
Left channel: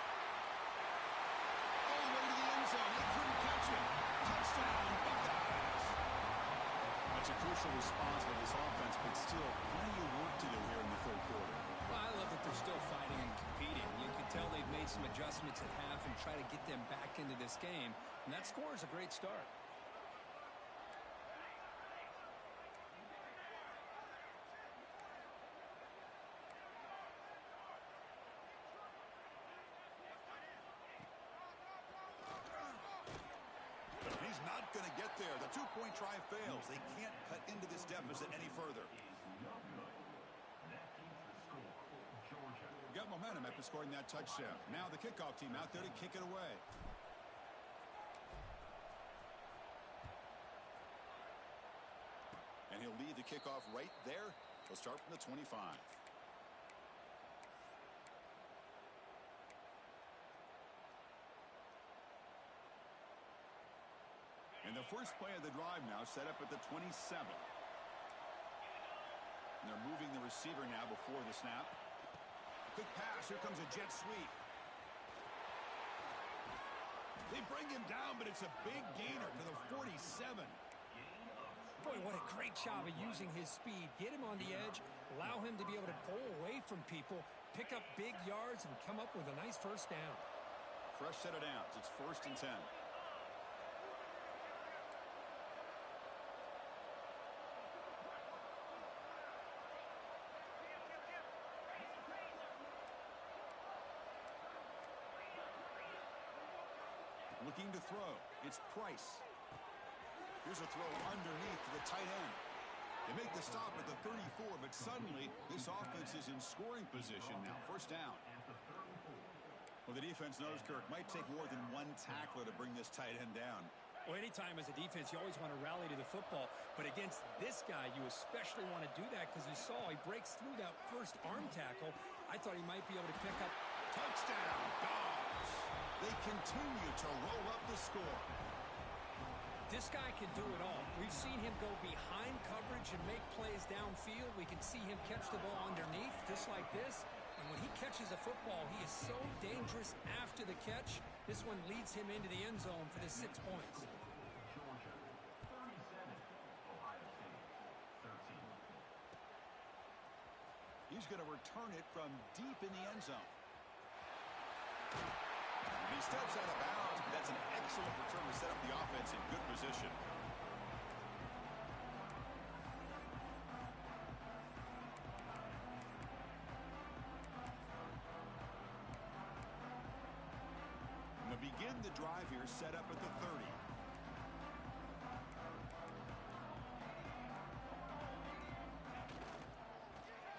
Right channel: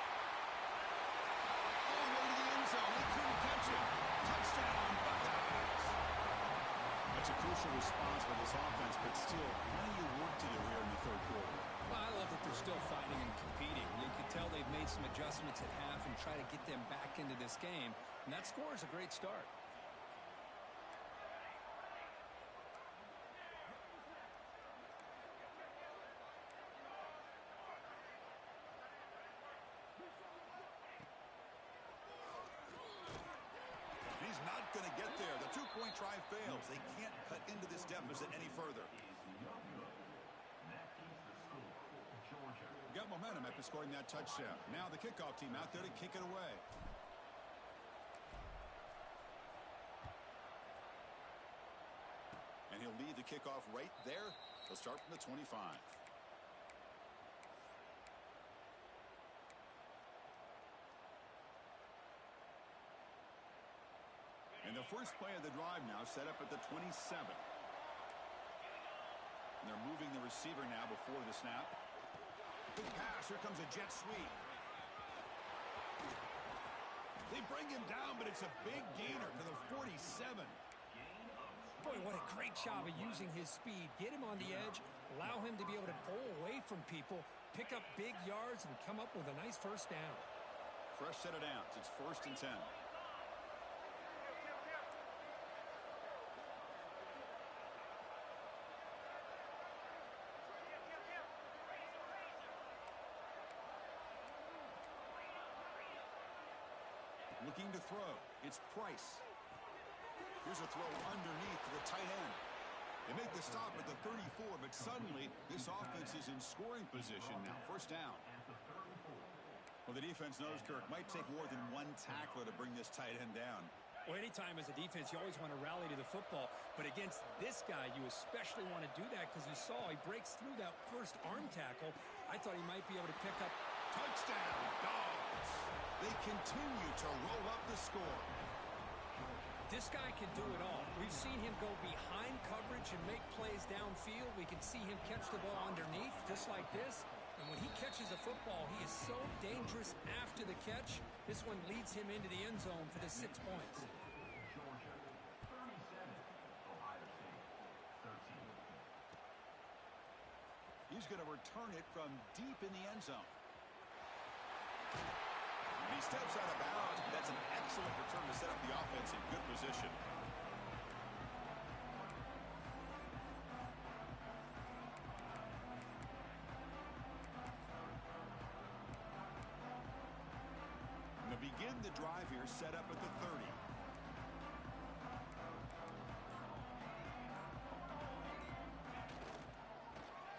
All the way to the end zone. They couldn't catch him. Touchdown, Buckeyes. That's a crucial response by this offense, but still plenty of work to do here in the 3rd quarter. Well, I love that they're still fighting and competing. You can tell they've made some adjustments at half and try to get them back into this game. And that score is a great start. He's not going to get there. The two-point try fails. They can't cut into this deficit any further. No good. That keeps the score. Georgia. Got momentum after scoring that touchdown. Now the kickoff team out there to kick it away. And he'll lead the kickoff right there. He'll start from the 25. And the first play of the drive now set up at the 27. And they're moving the receiver now before the snap. Big pass. Here comes a jet sweep. They bring him down, but it's a big gainer to the 47. Boy, what a great job of using his speed. Get him on the edge, allow him to be able to pull away from people, pick up big yards, and come up with a nice first down. Fresh set of downs. It's 1st and 10. Looking to throw. It's Price. Here's a throw underneath to the tight end. They make the stop at the 34, but suddenly this offense is in scoring position now. First down. Well, the defense knows, Kirk, might take more than one tackler to bring this tight end down. Well, anytime as a defense, you always want to rally to the football. But against this guy, you especially want to do that because you saw he breaks through that first arm tackle. I thought he might be able to pick up. Touchdown, Dogs. They continue to roll up the score. This guy can do it all. We've seen him go behind coverage and make plays downfield. We can see him catch the ball underneath, just like this. And when he catches a football, he is so dangerous after the catch. This one leads him into the end zone for the 6 points. Georgia, 37. Ohio State, 13. He's going to return it from deep in the end zone. And he steps out of bounds, but that's an excellent return to set up the offense in good position. And to begin the drive here, set up at the 30.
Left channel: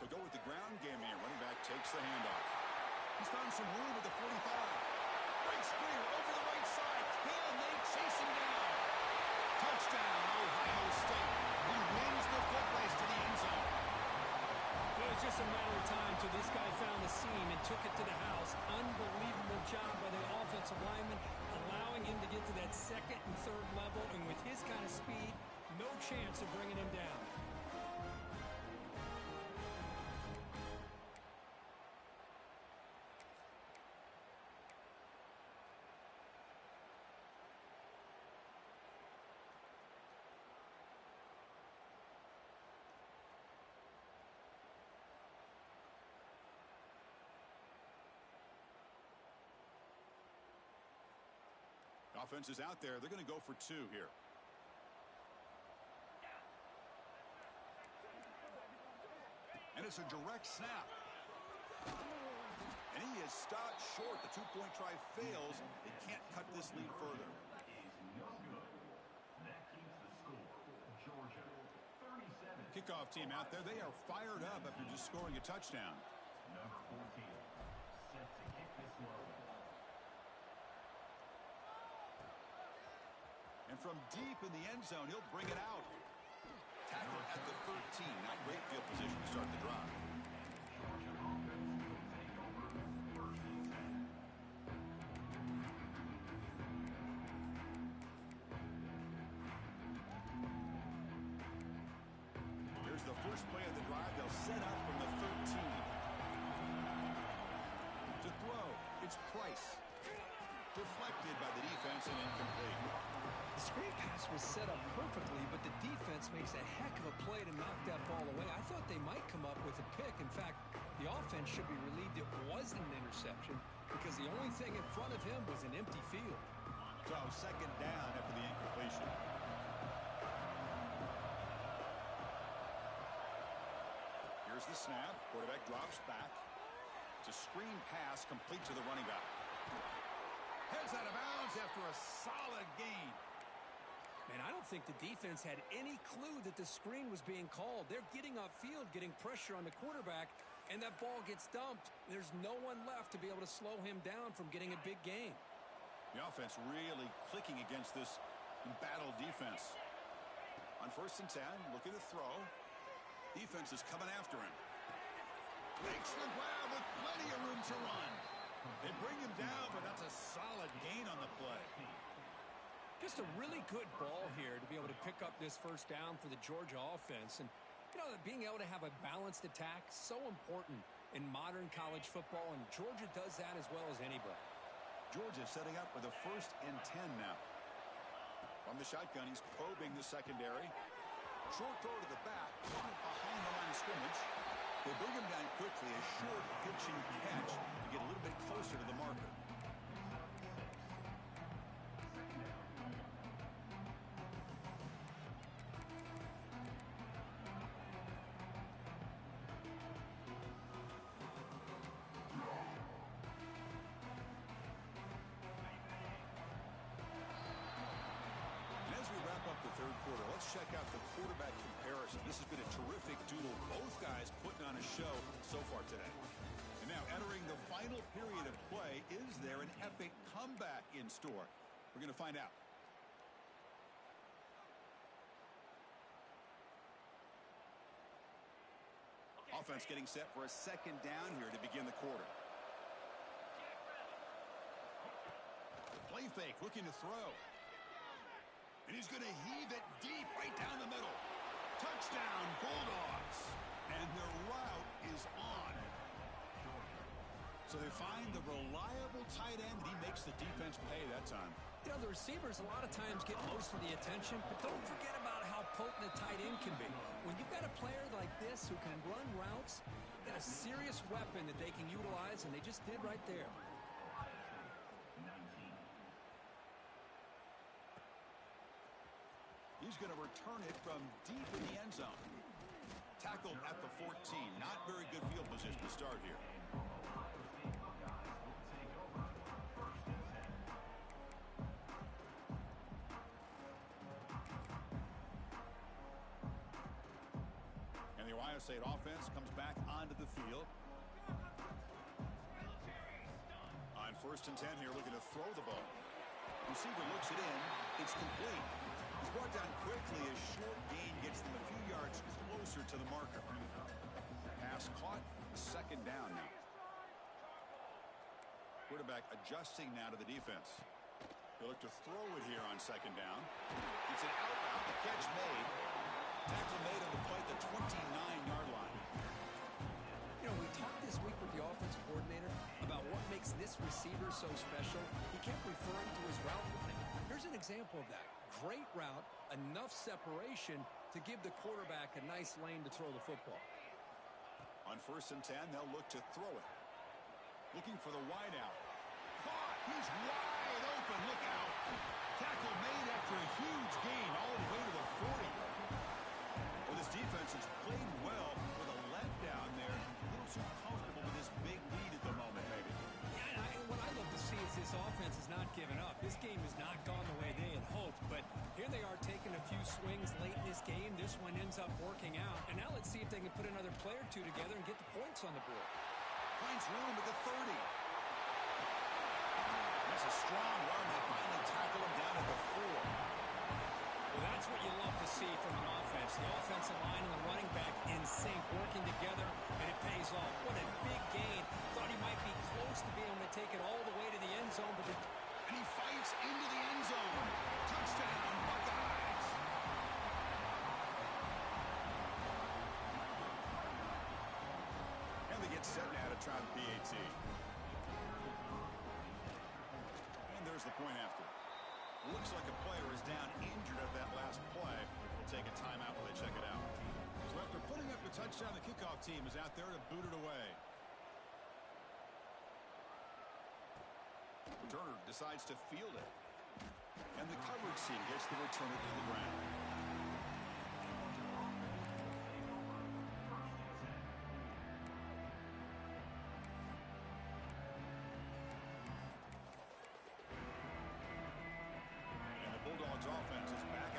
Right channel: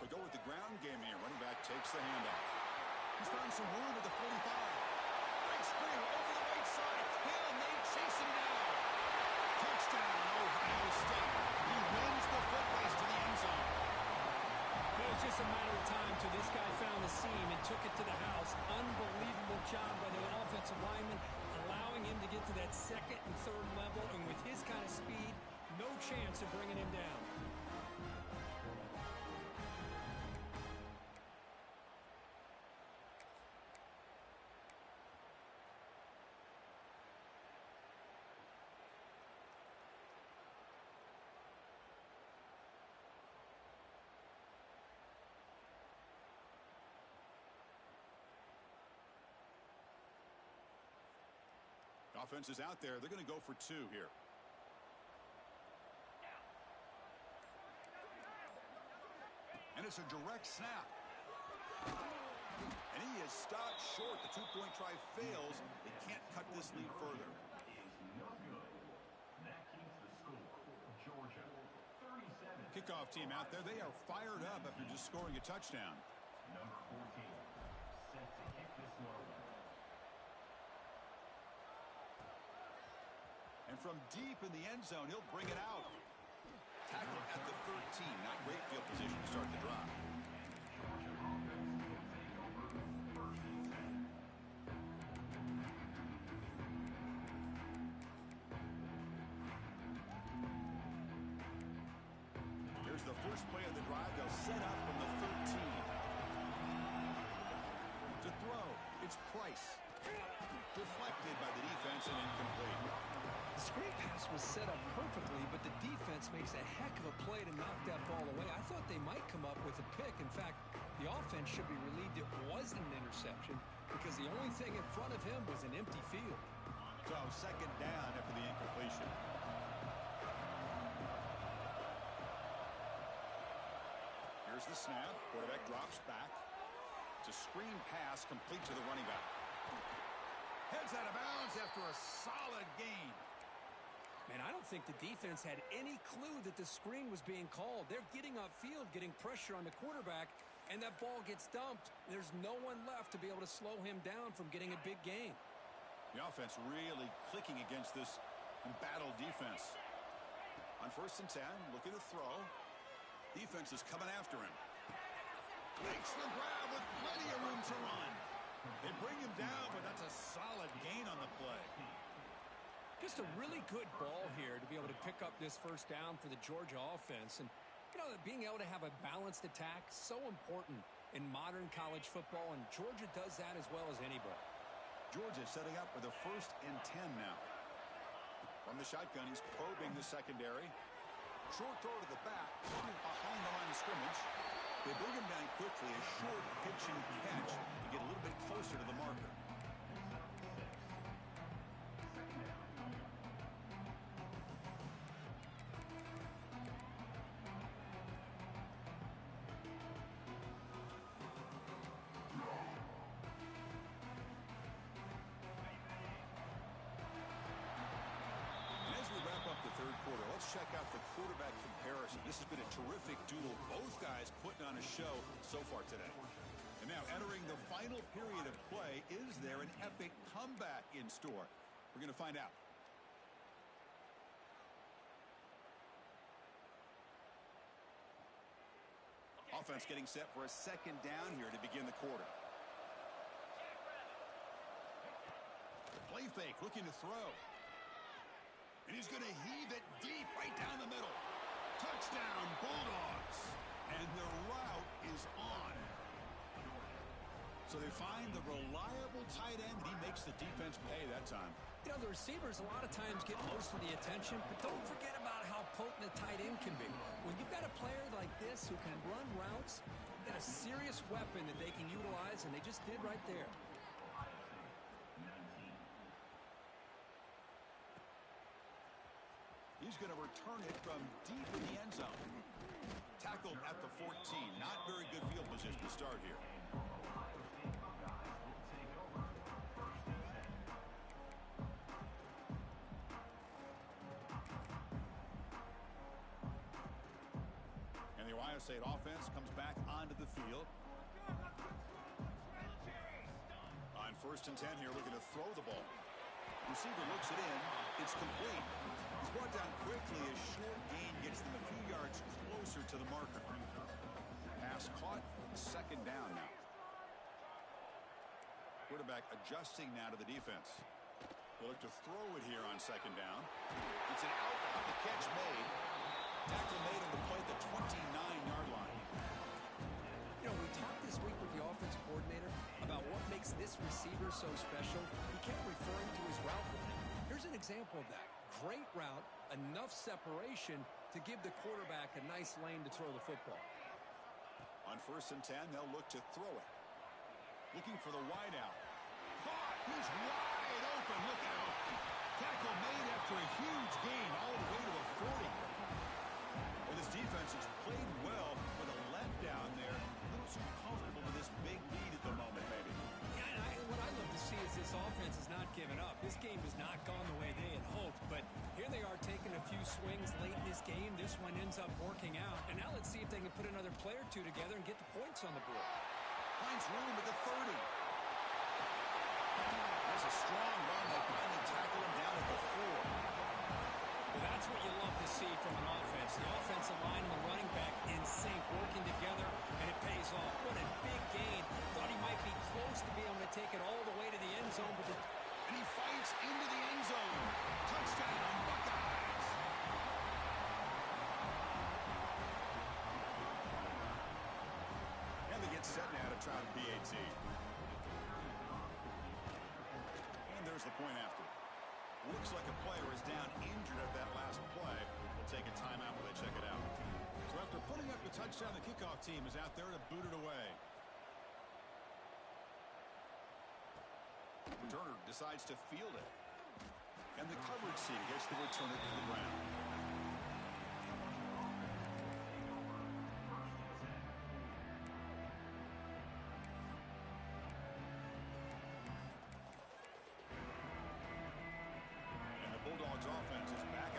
They'll go with the ground game here. Running back takes the handoff. He's found some room at the 45. Breaks clear over the right side. Can they chase him down? Touchdown, Ohio State. He wins the foot race to the end zone. It was just a matter of time till this guy found the seam and took it to the house. Unbelievable job by the offensive lineman, allowing him to get to that second and third level. And with his kind of speed, no chance of bringing him down. Offense is out there. They're going to go for 2 here. And it's a direct snap. And he is stopped short. The two-point try fails. They can't cut this lead further. Is no good. That keeps the score. Georgia, 37. Kickoff team out there. They are fired up after just scoring a touchdown. Number 14, set to kick this one away. And from deep in the end zone, he'll bring it out. Tackle at the 13. Not great field position to start the drive. Georgia offense will take over 1st and 10. Here's the first play of the drive. They'll set up from the 13. To throw, it's Price. Deflected by the defense and incomplete. The screen pass was set up perfectly, but the defense makes a heck of a play to knock that ball away. I thought they might come up with a pick. In fact, the offense should be relieved it wasn't an interception because the only thing in front of him was an empty field. So second down after the incompletion. Here's the snap. Quarterback drops back. It's a screen pass complete to the running back. Heads out of bounds after a solid gain. Man, I don't think the defense had any clue that the screen was being called. They're getting upfield, getting pressure on the quarterback, and that ball gets dumped. There's no one left to be able to slow him down from getting a big gain. The offense really clicking against this embattled defense. On 1st and 10, looking to throw. Defense is coming after him. Makes the grab with plenty of room to run. They bring him down, but that's a solid gain on the play. Just a really good ball here to be able to pick up this first down for the Georgia offense. And, you know, being able to have a balanced attack, so important in modern college football, and Georgia does that as well as anybody. Georgia setting up with a 1st and 10 now. From the shotgun, he's probing the secondary. Short throw to the back, behind the line of scrimmage. They bring him down quickly, a short pitch and catch to get a little bit closer to the marker. Quarter. Let's check out the quarterback comparison. This has been a terrific duel. Both guys putting on a show so far today. And now entering the final period of play, is there an epic comeback in store? We're going to find out. Offense getting set for a 2nd down here to begin the quarter. Play fake, looking to throw. And he's going to heave it deep right down the middle. Touchdown, Bulldogs. And their route is on. So they find the reliable tight end, and he makes the defense pay that time. You know, the receivers a lot of times get most of the attention, but don't forget about how potent a tight end can be. When you've got a player like this who can run routes, you've got a serious weapon that they can utilize, and they just did right there. He's going to return it from deep in the end zone. Tackled at the 14. Not very good field position to start here. And the Ohio State offense comes back onto the field. On 1st and 10 here, looking to throw the ball. Receiver looks it in. It's complete. He's brought down quickly. A short gain gets them a few yards closer to the marker. Pass caught. 2nd down now. Quarterback adjusting now to the defense. They look to throw it here on 2nd down. It's an out route. The catch made. Tackle made on the play at the 29-yard line. You know, we talked this week with the offensive coordinator about what makes this receiver so special. He kept referring to his route running. Here's an example of that. Great route, enough separation to give the quarterback a nice lane to throw the football. On 1st and 10, they'll look to throw it. Looking for the wide out. Caught! He's wide open. Look out. Tackle made after a huge gain all the way to the 40. Well, this defense has played well with a letdown there. A little too comfortable with this big lead at the moment, maybe. Yeah, and what I love to see is this offense has not given up. This game has not gone the way they had hoped, but here they are taking a few swings late in this game. This one ends up working out, and now let's see if they can put another play or two together and get the points on the board. Finds room at the 30. That's a strong run. They finally tackle him down at the 4. Well, that's what you love to see from an offense. The offensive line and the running back in sync, working together, and it pays off. What a big gain. Thought he might be close to being able to take it all the way to the end zone, but and he fights into the end zone. Touchdown, Buckeyes. And they get set now to try the PAT. And there's the point after. Looks like a player is down injured at that last play. We'll take a timeout while they check it out. So after putting up the touchdown, the kickoff team is out there to boot it away. Returner decides to field it. And the coverage team gets the returner to the ground. Bulldogs offense is back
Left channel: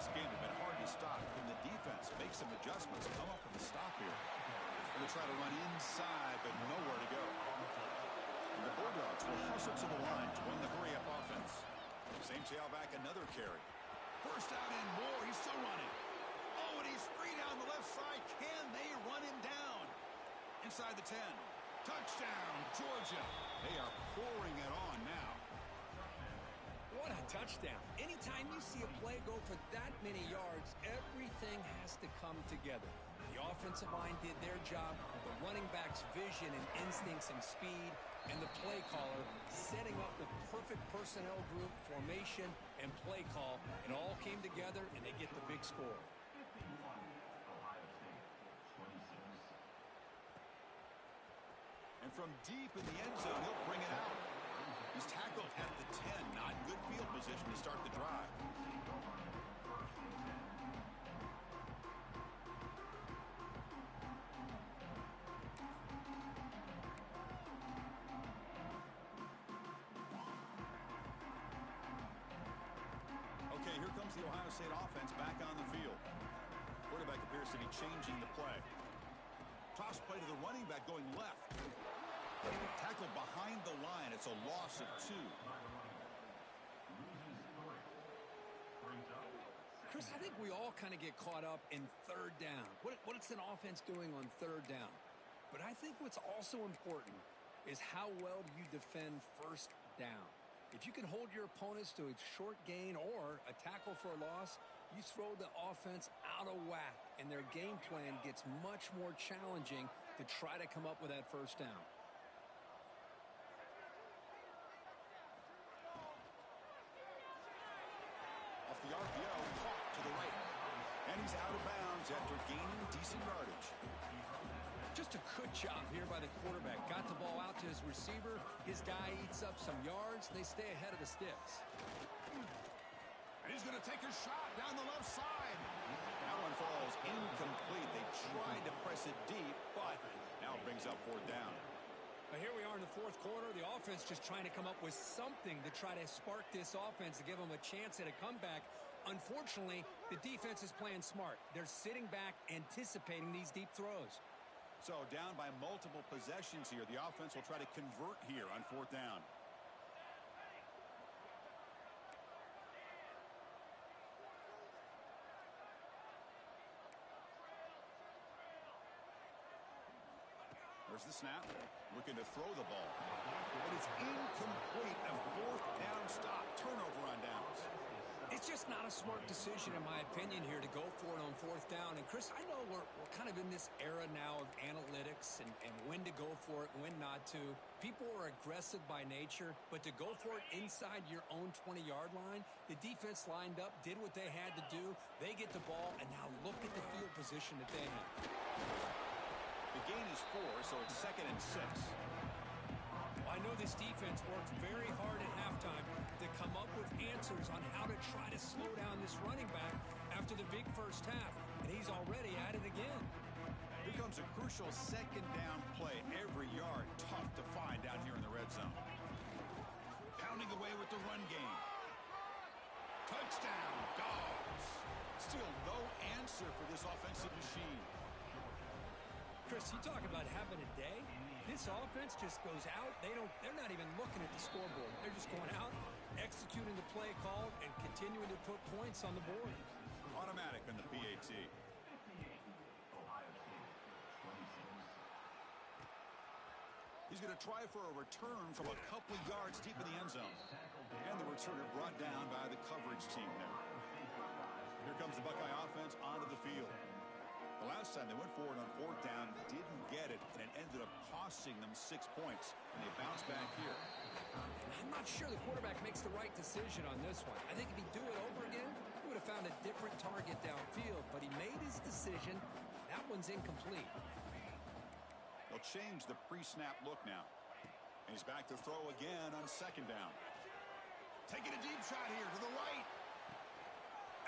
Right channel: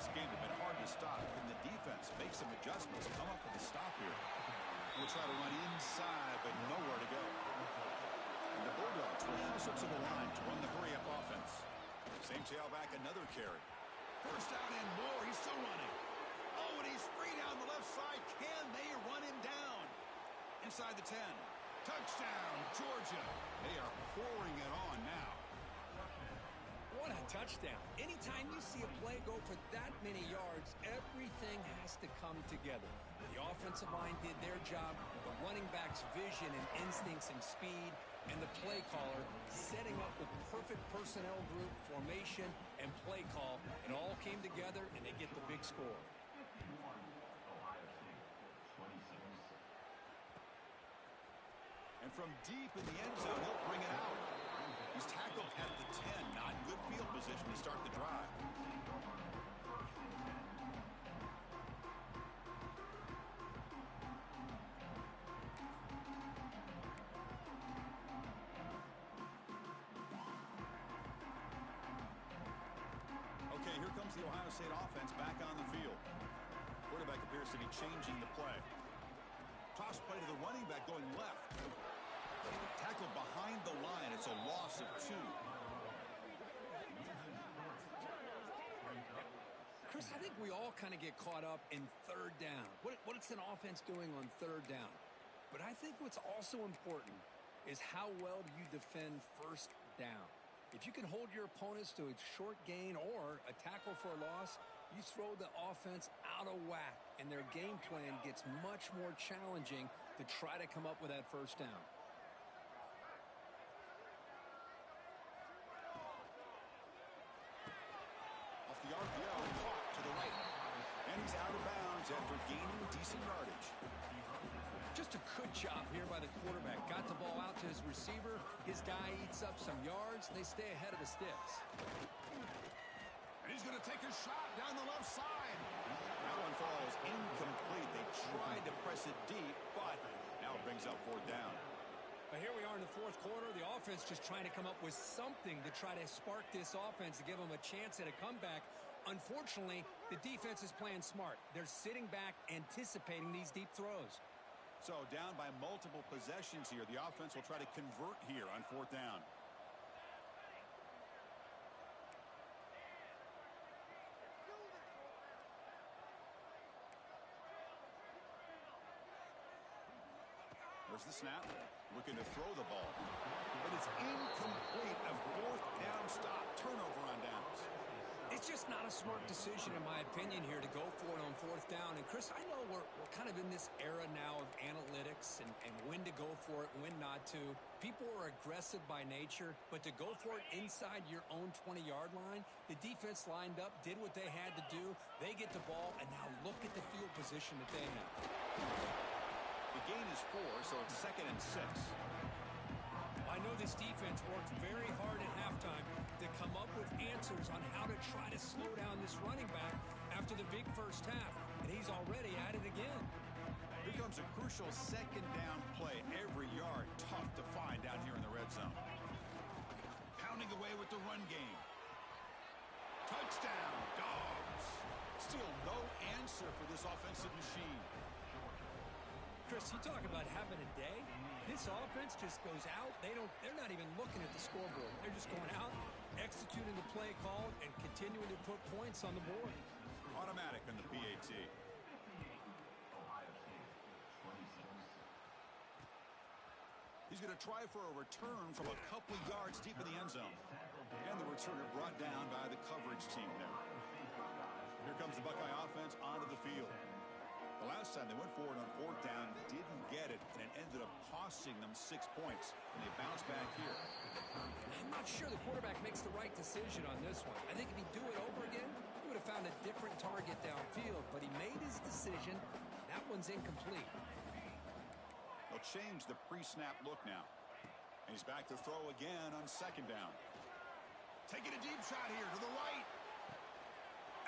this game have been hard to stop. Can the defense make some adjustments, come up with a stop here? Going to try to run inside, but nowhere to go. And the Bulldogs will hustle to the line to run the hurry-up offense. Same tailback, another carry. First down and more. He's still running. Oh, and he's free down the left side. Can they run him down? Inside the 10. Touchdown, Georgia. They are pouring it on now. What a touchdown. Anytime you see a play go for that many yards, everything has to come together. The offensive line did their job, the running back's vision and instincts and speed, and the play caller setting up the perfect personnel group, formation, and play call. It all came together, and they get the big score. 51, Ohio State, 26. And from deep in the end zone, he'll bring it out. He's tackled at the 10. Not good field position to start the drive. Okay, here comes the Ohio State offense back on the field. Quarterback appears to be changing the play. Toss play to the running back going left. Tackled behind the line. It's a loss of 2. Chris, I think we all kind of get caught up in third down. What's an offense doing on third down? But I think what's also important is how well do you defend first down. If you can hold your opponents to a short gain or a tackle for a loss, you throw the offense out of whack, and their game plan gets much more challenging to try to come up with that first down. Off the RPO, caught to the right. And he's out of bounds after gaining decent yardage. Just a good job here by the quarterback. Got the ball out to his receiver. His guy eats up some yards. They stay ahead of the sticks. And he's going to take a shot down the left side. That one falls incomplete. They tried to press it deep, but now it brings up 4th down. But here we are in the 4th quarter. The offense just trying to come up with something to try to spark this offense to give them a chance at a comeback. Unfortunately, the defense is playing smart. They're sitting back, anticipating these deep throws. So down by multiple possessions here. The offense will try to convert here on 4th down. There's the snap. Looking to throw the ball. But it's incomplete. A 4th down stop. Turnover on downs. It's just not a smart decision, in my opinion, here to go for it on 4th down. And, Chris, I know we're kind of in this era now of analytics and when to go for it, when not to. People are aggressive by nature, but to go for it inside your own 20-yard line, the defense lined up, did what they had to do. They get the ball, and now look at the field position that they have. The gain is 4, so it's 2nd and 6. I know this defense worked very hard at halftime to come up with answers on how to try to slow down this running back after the big first half, and he's already at it again. Here comes a crucial 2nd down play. Every yard tough to find down here in the red zone. Pounding away with the run game. Touchdown, Dogs. Still no answer for this offensive machine. Chris, you talk about having a day. This offense just goes out. They're not even looking at the scoreboard. They're just going out, executing the play called, and continuing to put points on the board. Automatic on the PAT. 58, Ohio State, 26. He's going to try for a return from a couple of yards deep in the end zone. And the returner brought down by the coverage team there. Here comes the Buckeye offense onto the field. The last time they went forward on 4th down, didn't get it, and it ended up costing them 6 points. And they bounced back here. I'm not sure the quarterback makes the right decision on this one. I think if he'd do it over again, he would have found a different target downfield, but he made his decision. That one's incomplete. They'll change the pre-snap look now. And he's back to throw again on 2nd down. Taking a deep shot here to the right.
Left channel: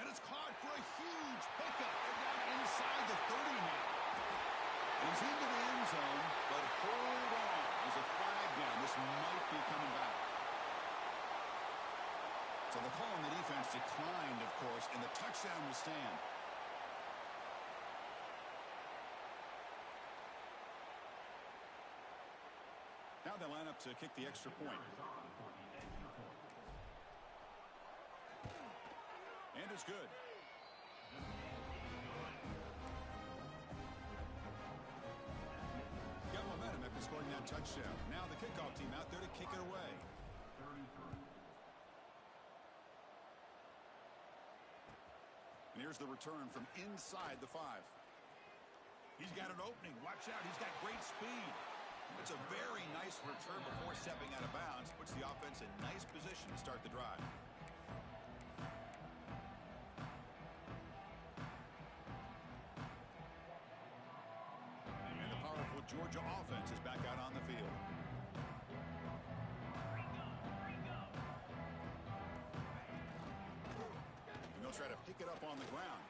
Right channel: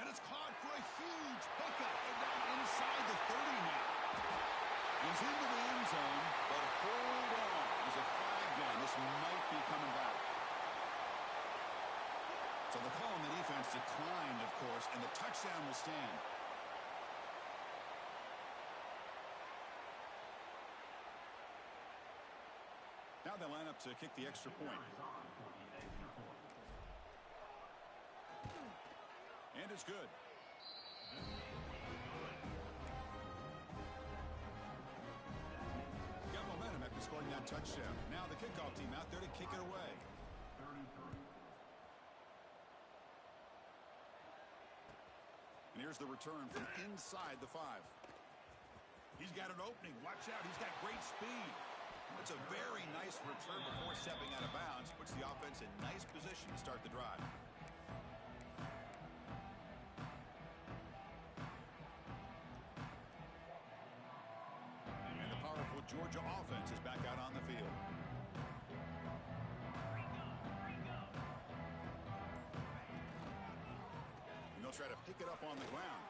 And it's caught for a huge pickup. They're down inside the 30 now. He's into the end zone, but hold on. There's a flag down. This might be coming back. So the call on the defense declined, of course, and the touchdown will stand. Now they line up to kick the extra point. And it's good. Got momentum after scoring that touchdown. Now the kickoff team out there to kick it away. 33. And here's the return from inside the 5. He's got an opening. Watch out. He's got great speed. It's a very nice return before stepping out of bounds. Puts the offense in nice position to start the drive. And the powerful Georgia offense is back out on the field. And they'll try to pick it up on the ground.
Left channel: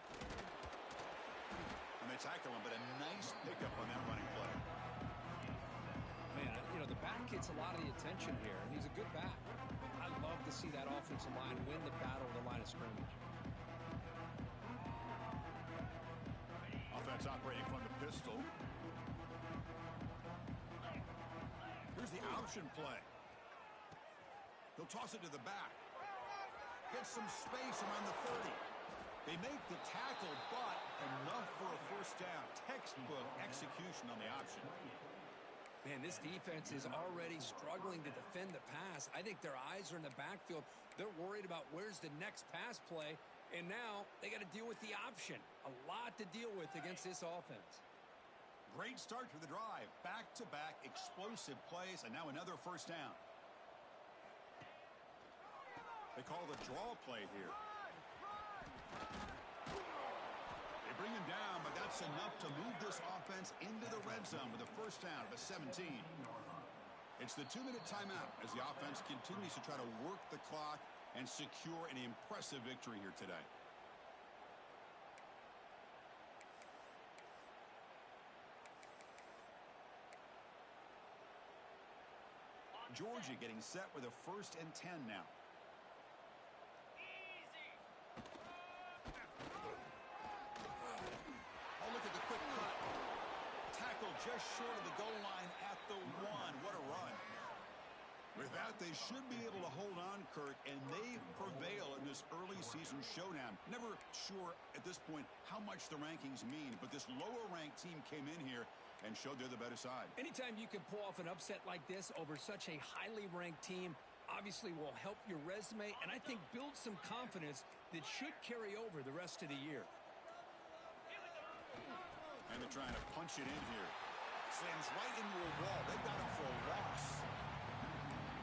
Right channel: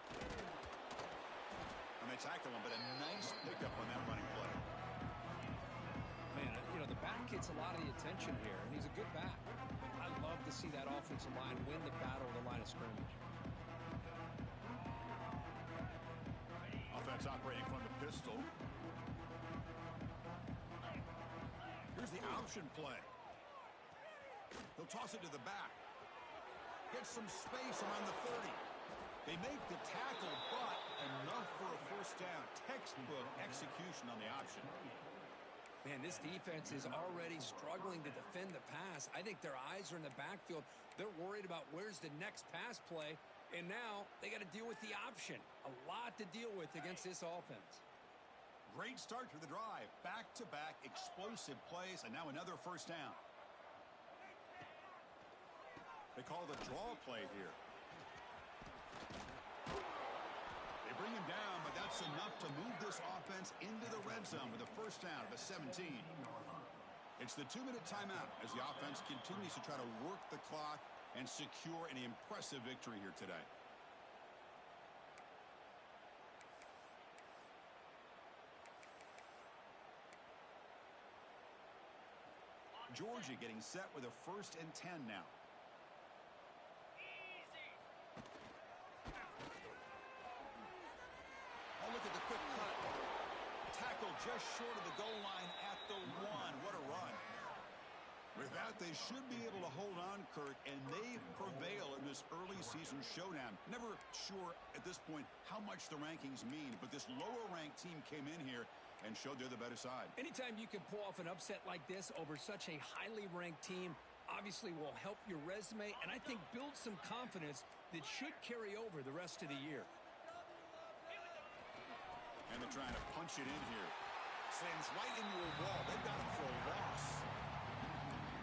And they tackle him, but a nice pickup on that running play. Man, the back gets a lot of the attention here, and he's a good back. I love to see that offensive line win the battle of the line of scrimmage. Offense operating from the pistol. Here's the option play. They'll toss it to the back. Get some space around the 30. They make the tackle, but enough for a first down. Textbook execution on the option. Man, this defense is already struggling to defend the pass. I think their eyes are in the backfield. They're worried about where's the next pass play, and now they got to deal with the option. A lot to deal with against this offense. Great start to the drive. Back-to-back explosive plays, and now another first down. They call the draw play here. They bring him down, but that's enough to move this offense into the red zone with a first down of a 17. It's the 2-minute timeout as the offense continues to try to work the clock and secure an impressive victory here today. Georgia getting set with a 1st and 10 now. Oh, look at the quick cut. Tackle just short of the goal line at the 1. What a run. With that, they should be able to hold on, Kirk, and they prevail in this early season showdown. Never sure at this point how much the rankings mean, but this lower-ranked team came in here and showed they're the better side. Anytime you can pull off an upset like this over such a highly ranked team, obviously will help your resume and I think build some confidence that should carry over the rest of the year. And they're trying to punch it in here. Slams right into a wall. They've got him for a loss.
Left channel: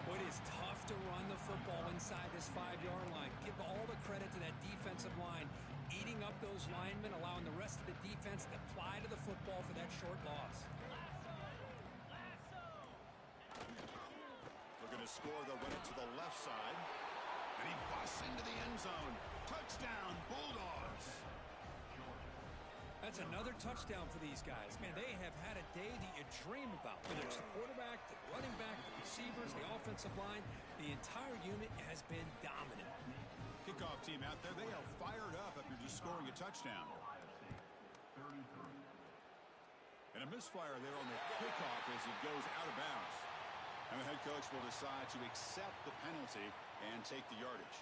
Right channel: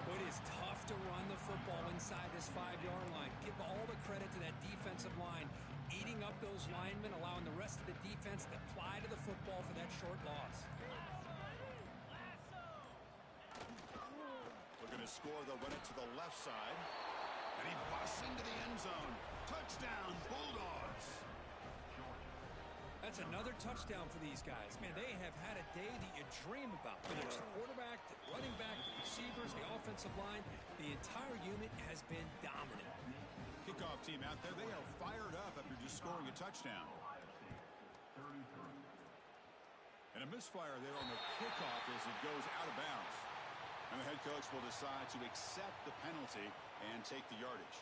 Well, it is tough to run the football inside this 5-yard line. Give all the credit to that defensive line, eating up those linemen, allowing the rest of the defense to fly to the football for that short loss. Looking to score, they'll run it to the left side. And he busts into the end zone. Touchdown, Bulldogs. That's another touchdown for these guys. Man, they have had a day that you dream about. Whether it's the quarterback, the running back, the receivers, the offensive line, the entire unit has been dominant. Kickoff team out there, they are fired up after just scoring a touchdown. And a misfire there on the kickoff as it goes out of bounds. And the head coach will decide to accept the penalty and take the yardage.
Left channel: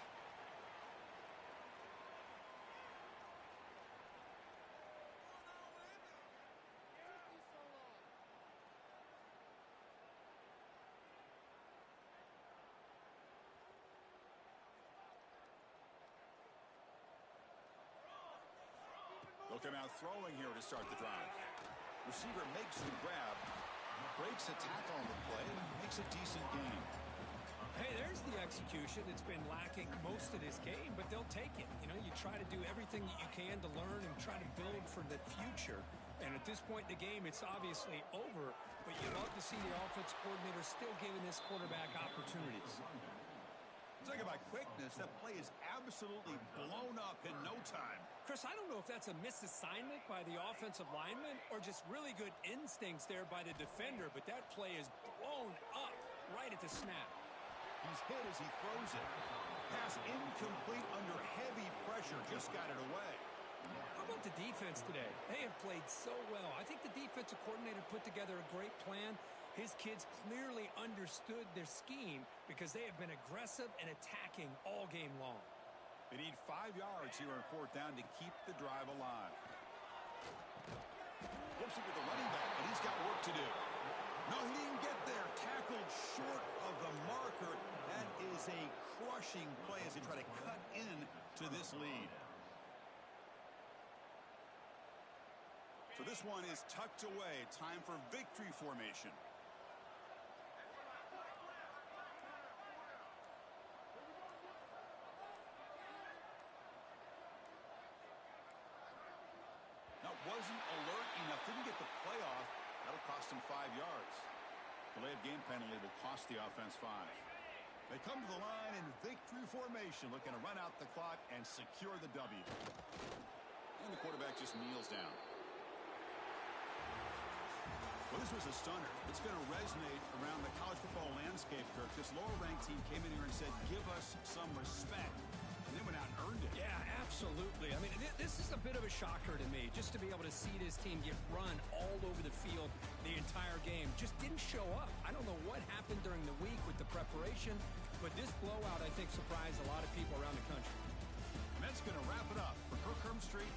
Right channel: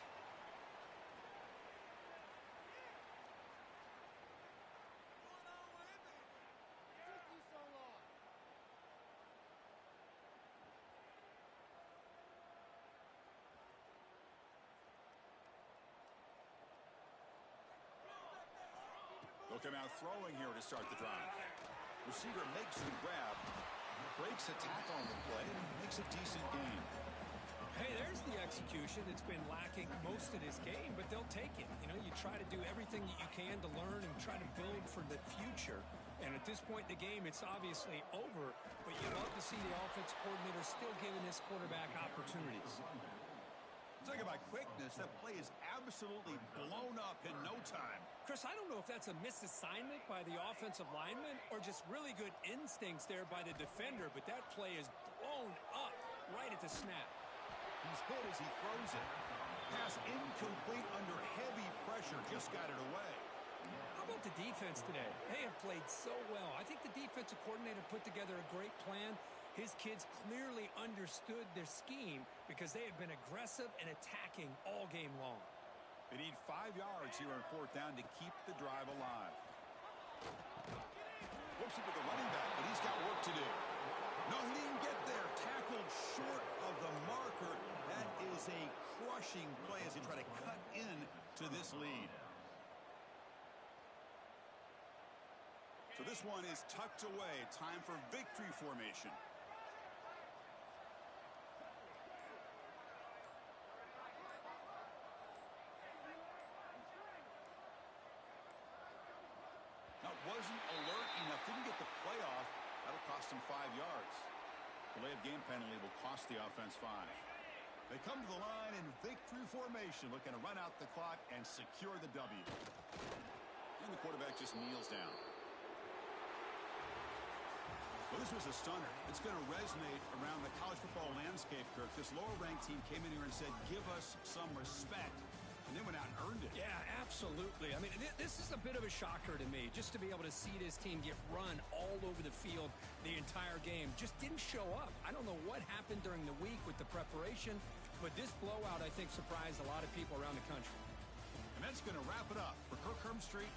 They'll come out throwing here to start the drive. Receiver makes the grab, breaks a tackle on the play, and makes a decent gain. Hey, there's the execution that's been lacking most of this game, but they'll take it. You know, you try to do everything that you can to learn and try to build for the future. And at this point in the game, it's obviously over, but you love to see the offense coordinator still giving this quarterback opportunities. Talking about quickness, that play is absolutely blown up in no time. Chris, I don't know if that's a misassignment by the offensive lineman or just really good instincts there by the defender, but that play is blown up right at the snap. He's hit as he throws it. Pass incomplete under heavy pressure. Just got it away. How about the defense today? They have played so well. I think the defensive coordinator put together a great plan. His kids clearly understood their scheme because they have been aggressive and attacking all game long. They need 5 yards here on 4th down to keep the drive alive. Looks it with the running back, but he's got work to do. No, he didn't get there. Tackled short of the marker. That is a crushing play as they try to cut in to this lead. So this one is tucked away. Time for victory formation. Now, wasn't alert enough. Didn't get the play off. That'll cost him 5 yards. Delay of game penalty will cost the offense 5. They come to the line in victory formation, looking to run out the clock and secure the W. And the quarterback just kneels down. Well, this was a stunner. It's going to resonate around the college football landscape, Kirk. This lower-ranked team came in here and said, give us some respect. And they went out and earned it. Yeah, absolutely. I mean, this is a bit of a shocker to me, just to be able to see this team get run all over the field the entire game. Just didn't show up. I don't know what happened during the week with the preparation, but this blowout, I think, surprised a lot of people around the country. And that's going to wrap it up. For Kirk Herbstreit,